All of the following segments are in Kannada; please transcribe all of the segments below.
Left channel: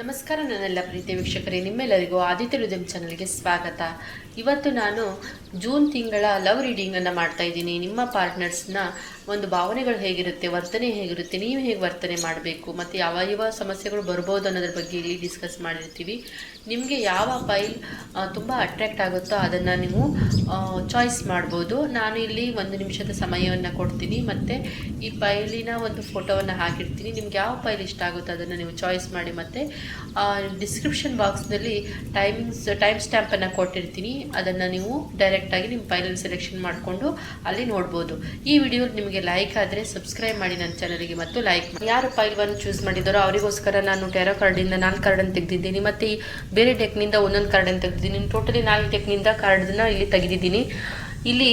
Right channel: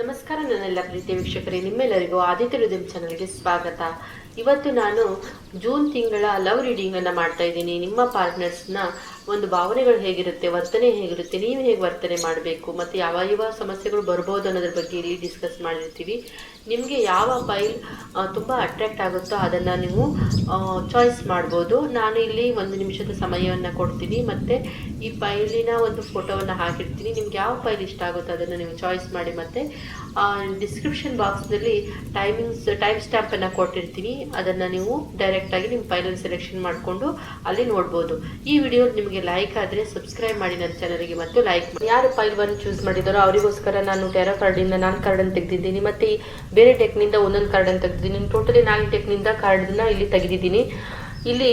ನಮಸ್ಕಾರ ನನ್ನೆಲ್ಲ ಪ್ರೀತಿ ವೀಕ್ಷಕರೇ, ನಿಮ್ಮೆಲ್ಲರಿಗೂ ಆದಿತ್ಯ ಹೃದಯ ಚಾನಲ್ಗೆ ಸ್ವಾಗತ. ಇವತ್ತು ನಾನು ಜೂನ್ ತಿಂಗಳ ಲವ್ ರೀಡಿಂಗ್ ಅನ್ನು ಮಾಡ್ತಾ ಇದ್ದೀನಿ. ನಿಮ್ಮ ಪಾರ್ಟ್ನರ್ಸ್ನ ಒಂದು ಭಾವನೆಗಳು ಹೇಗಿರುತ್ತೆ, ವರ್ತನೆ ಹೇಗಿರುತ್ತೆ, ನೀವು ಹೇಗೆ ವರ್ತನೆ ಮಾಡಬೇಕು ಮತ್ತು ಯಾವ ಸಮಸ್ಯೆಗಳು ಬರ್ಬೋದು ಅನ್ನೋದ್ರ ಬಗ್ಗೆ ಇಲ್ಲಿ ಡಿಸ್ಕಸ್ ಮಾಡಿರ್ತೀವಿ. ನಿಮಗೆ ಯಾವ ಫೈಲ್ ತುಂಬ ಅಟ್ರಾಕ್ಟ್ ಆಗುತ್ತೋ ಅದನ್ನು ನೀವು ಚಾಯ್ಸ್ ಮಾಡ್ಬೋದು. ನಾನು ಇಲ್ಲಿ 1 ನಿಮಿಷದ ಸಮಯವನ್ನು ಕೊಡ್ತೀನಿ ಮತ್ತು ಈ ಫೈಲಿನ ಒಂದು ಫೋಟೋವನ್ನು ಹಾಕಿರ್ತೀನಿ. ನಿಮ್ಗೆ ಯಾವ ಫೈಲ್ ಇಷ್ಟ ಆಗುತ್ತೋ ಅದನ್ನು ನೀವು ಚಾಯ್ಸ್ ಮಾಡಿ. ಮತ್ತು ಡಿಸ್ಕ್ರಿಪ್ಷನ್ ಬಾಕ್ಸ್ನಲ್ಲಿ ಟೈಮ್ ಸ್ಟ್ಯಾಂಪನ್ನು ಕೊಟ್ಟಿರ್ತೀನಿ. ಅದನ್ನು ನೀವು ಡೈರೆಕ್ಟಾಗಿ ನಿಮ್ಮ ಫೈಲನ್ನು ಸೆಲೆಕ್ಷನ್ ಮಾಡಿಕೊಂಡು ಅಲ್ಲಿ ನೋಡ್ಬೋದು. ಈ ವಿಡಿಯೋ ನಿಮಗೆ ಲೈಕ್ ಆದರೆ ಸಬ್ಸ್ಕ್ರೈಬ್ ಮಾಡಿ ನನ್ನ ಚಾನಲ್ಗೆ ಮತ್ತು ಲೈಕ್ ಮಾಡಿ. ಯಾರು ಫೈಲ್ ಬಂದು ಚೂಸ್ ಮಾಡಿದಾರೋ ಅವರಿಗೋಸ್ಕರ ನಾನು ಟ್ಯಾರೋ ಕಾರ್ಡಿಂದ 4 ಕಾರ್ಡನ್ನು ತೆಗೆದಿದ್ದೀನಿ ಮತ್ತು ಬೇರೆ ಡೆಕ್ನಿಂದ 1 ಕಾರ್ಡನ್ನು ತೆಗೆದಿದ್ದೀನಿ. ಟೋಟಲಿ 4 ಡೆಕ್ನಿಂದ ಕಾರ್ಡನ್ನ ಇಲ್ಲಿ ತೆಗೆದಿದ್ದೀನಿ. ಇಲ್ಲಿ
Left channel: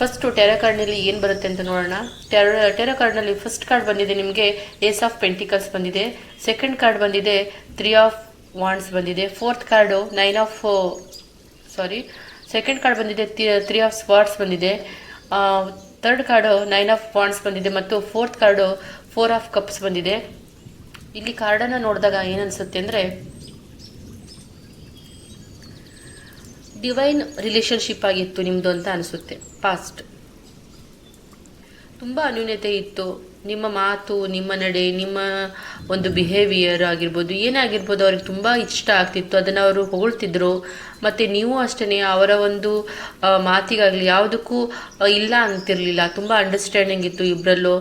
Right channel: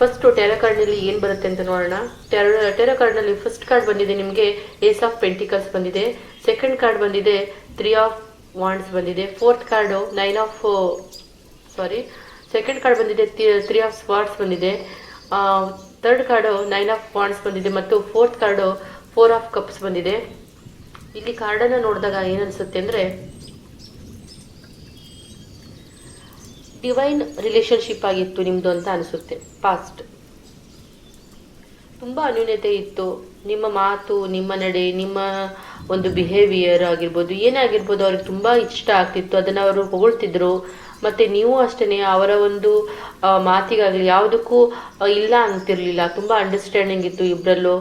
ಫಸ್ಟ್ ಟ್ಯಾರೋ ಕಾರ್ಡ್ನಲ್ಲಿ ಏನು ಬರುತ್ತೆ ಅಂತ ನೋಡೋಣ. ಟ್ಯಾರೋ ಕಾರ್ಡ್ನಲ್ಲಿ ಫಸ್ಟ್ ಕಾರ್ಡ್ ಬಂದಿದೆ ನಿಮಗೆ ಏಸ್ ಆಫ್ ಪೆಂಟಿಕಲ್ಸ್ ಬಂದಿದೆ. ಸೆಕೆಂಡ್ ಕಾರ್ಡ್ ಬಂದಿದೆ 3 ಆಫ್ ವಾಂಡ್ಸ್ ಬಂದಿದೆ. ಸೆಕೆಂಡ್ ಕಾರ್ಡ್ ಬಂದಿದೆ 3 ಆಫ್ ಸ್ವಾರ್ಡ್ಸ್ ಬಂದಿದೆ. ಥರ್ಡ್ ಕಾರ್ಡು 9 ಆಫ್ ವಾಂಡ್ಸ್ ಬಂದಿದೆ ಮತ್ತು ಫೋರ್ತ್ ಕಾರ್ಡು 4 ಆಫ್ ಕಪ್ಸ್ ಬಂದಿದೆ. ಇಲ್ಲಿ ಕಾರ್ಡನ್ನು ನೋಡಿದಾಗ ಏನನ್ಸುತ್ತೆ ಅಂದರೆ ಡಿವೈನ್ ರಿಲೇಶನ್ಶಿಪ್ ಆಗಿತ್ತು ನಿಮ್ಮದು ಅಂತ ಅನಿಸುತ್ತೆ. ಪಾಸ್ಟ್ ತುಂಬ ಅನ್ಯೂನ್ಯತೆ ಇತ್ತು. ನಿಮ್ಮ ಮಾತು, ನಿಮ್ಮ ನಡೆ, ನಿಮ್ಮ ಒಂದು ಬಿಹೇವಿಯರ್ ಆಗಿರ್ಬೋದು, ಏನೇ ಆಗಿರ್ಬೋದು ಅವ್ರಿಗೆ ತುಂಬ ಇಷ್ಟ ಆಗ್ತಿತ್ತು. ಅದನ್ನು ಅವರು ಹೊಗಳ್ತಿದ್ರು ಮತ್ತು ನೀವು ಅಷ್ಟೇ ಅವರ ಒಂದು ಮಾತಿಗಾಗಲಿ ಯಾವುದಕ್ಕೂ ಇಲ್ಲ ಅಂತಿರಲಿಲ್ಲ. ತುಂಬ ಅಂಡರ್ಸ್ಟ್ಯಾಂಡಿಂಗ್ ಇತ್ತು ಇಬ್ಬರಲ್ಲೂ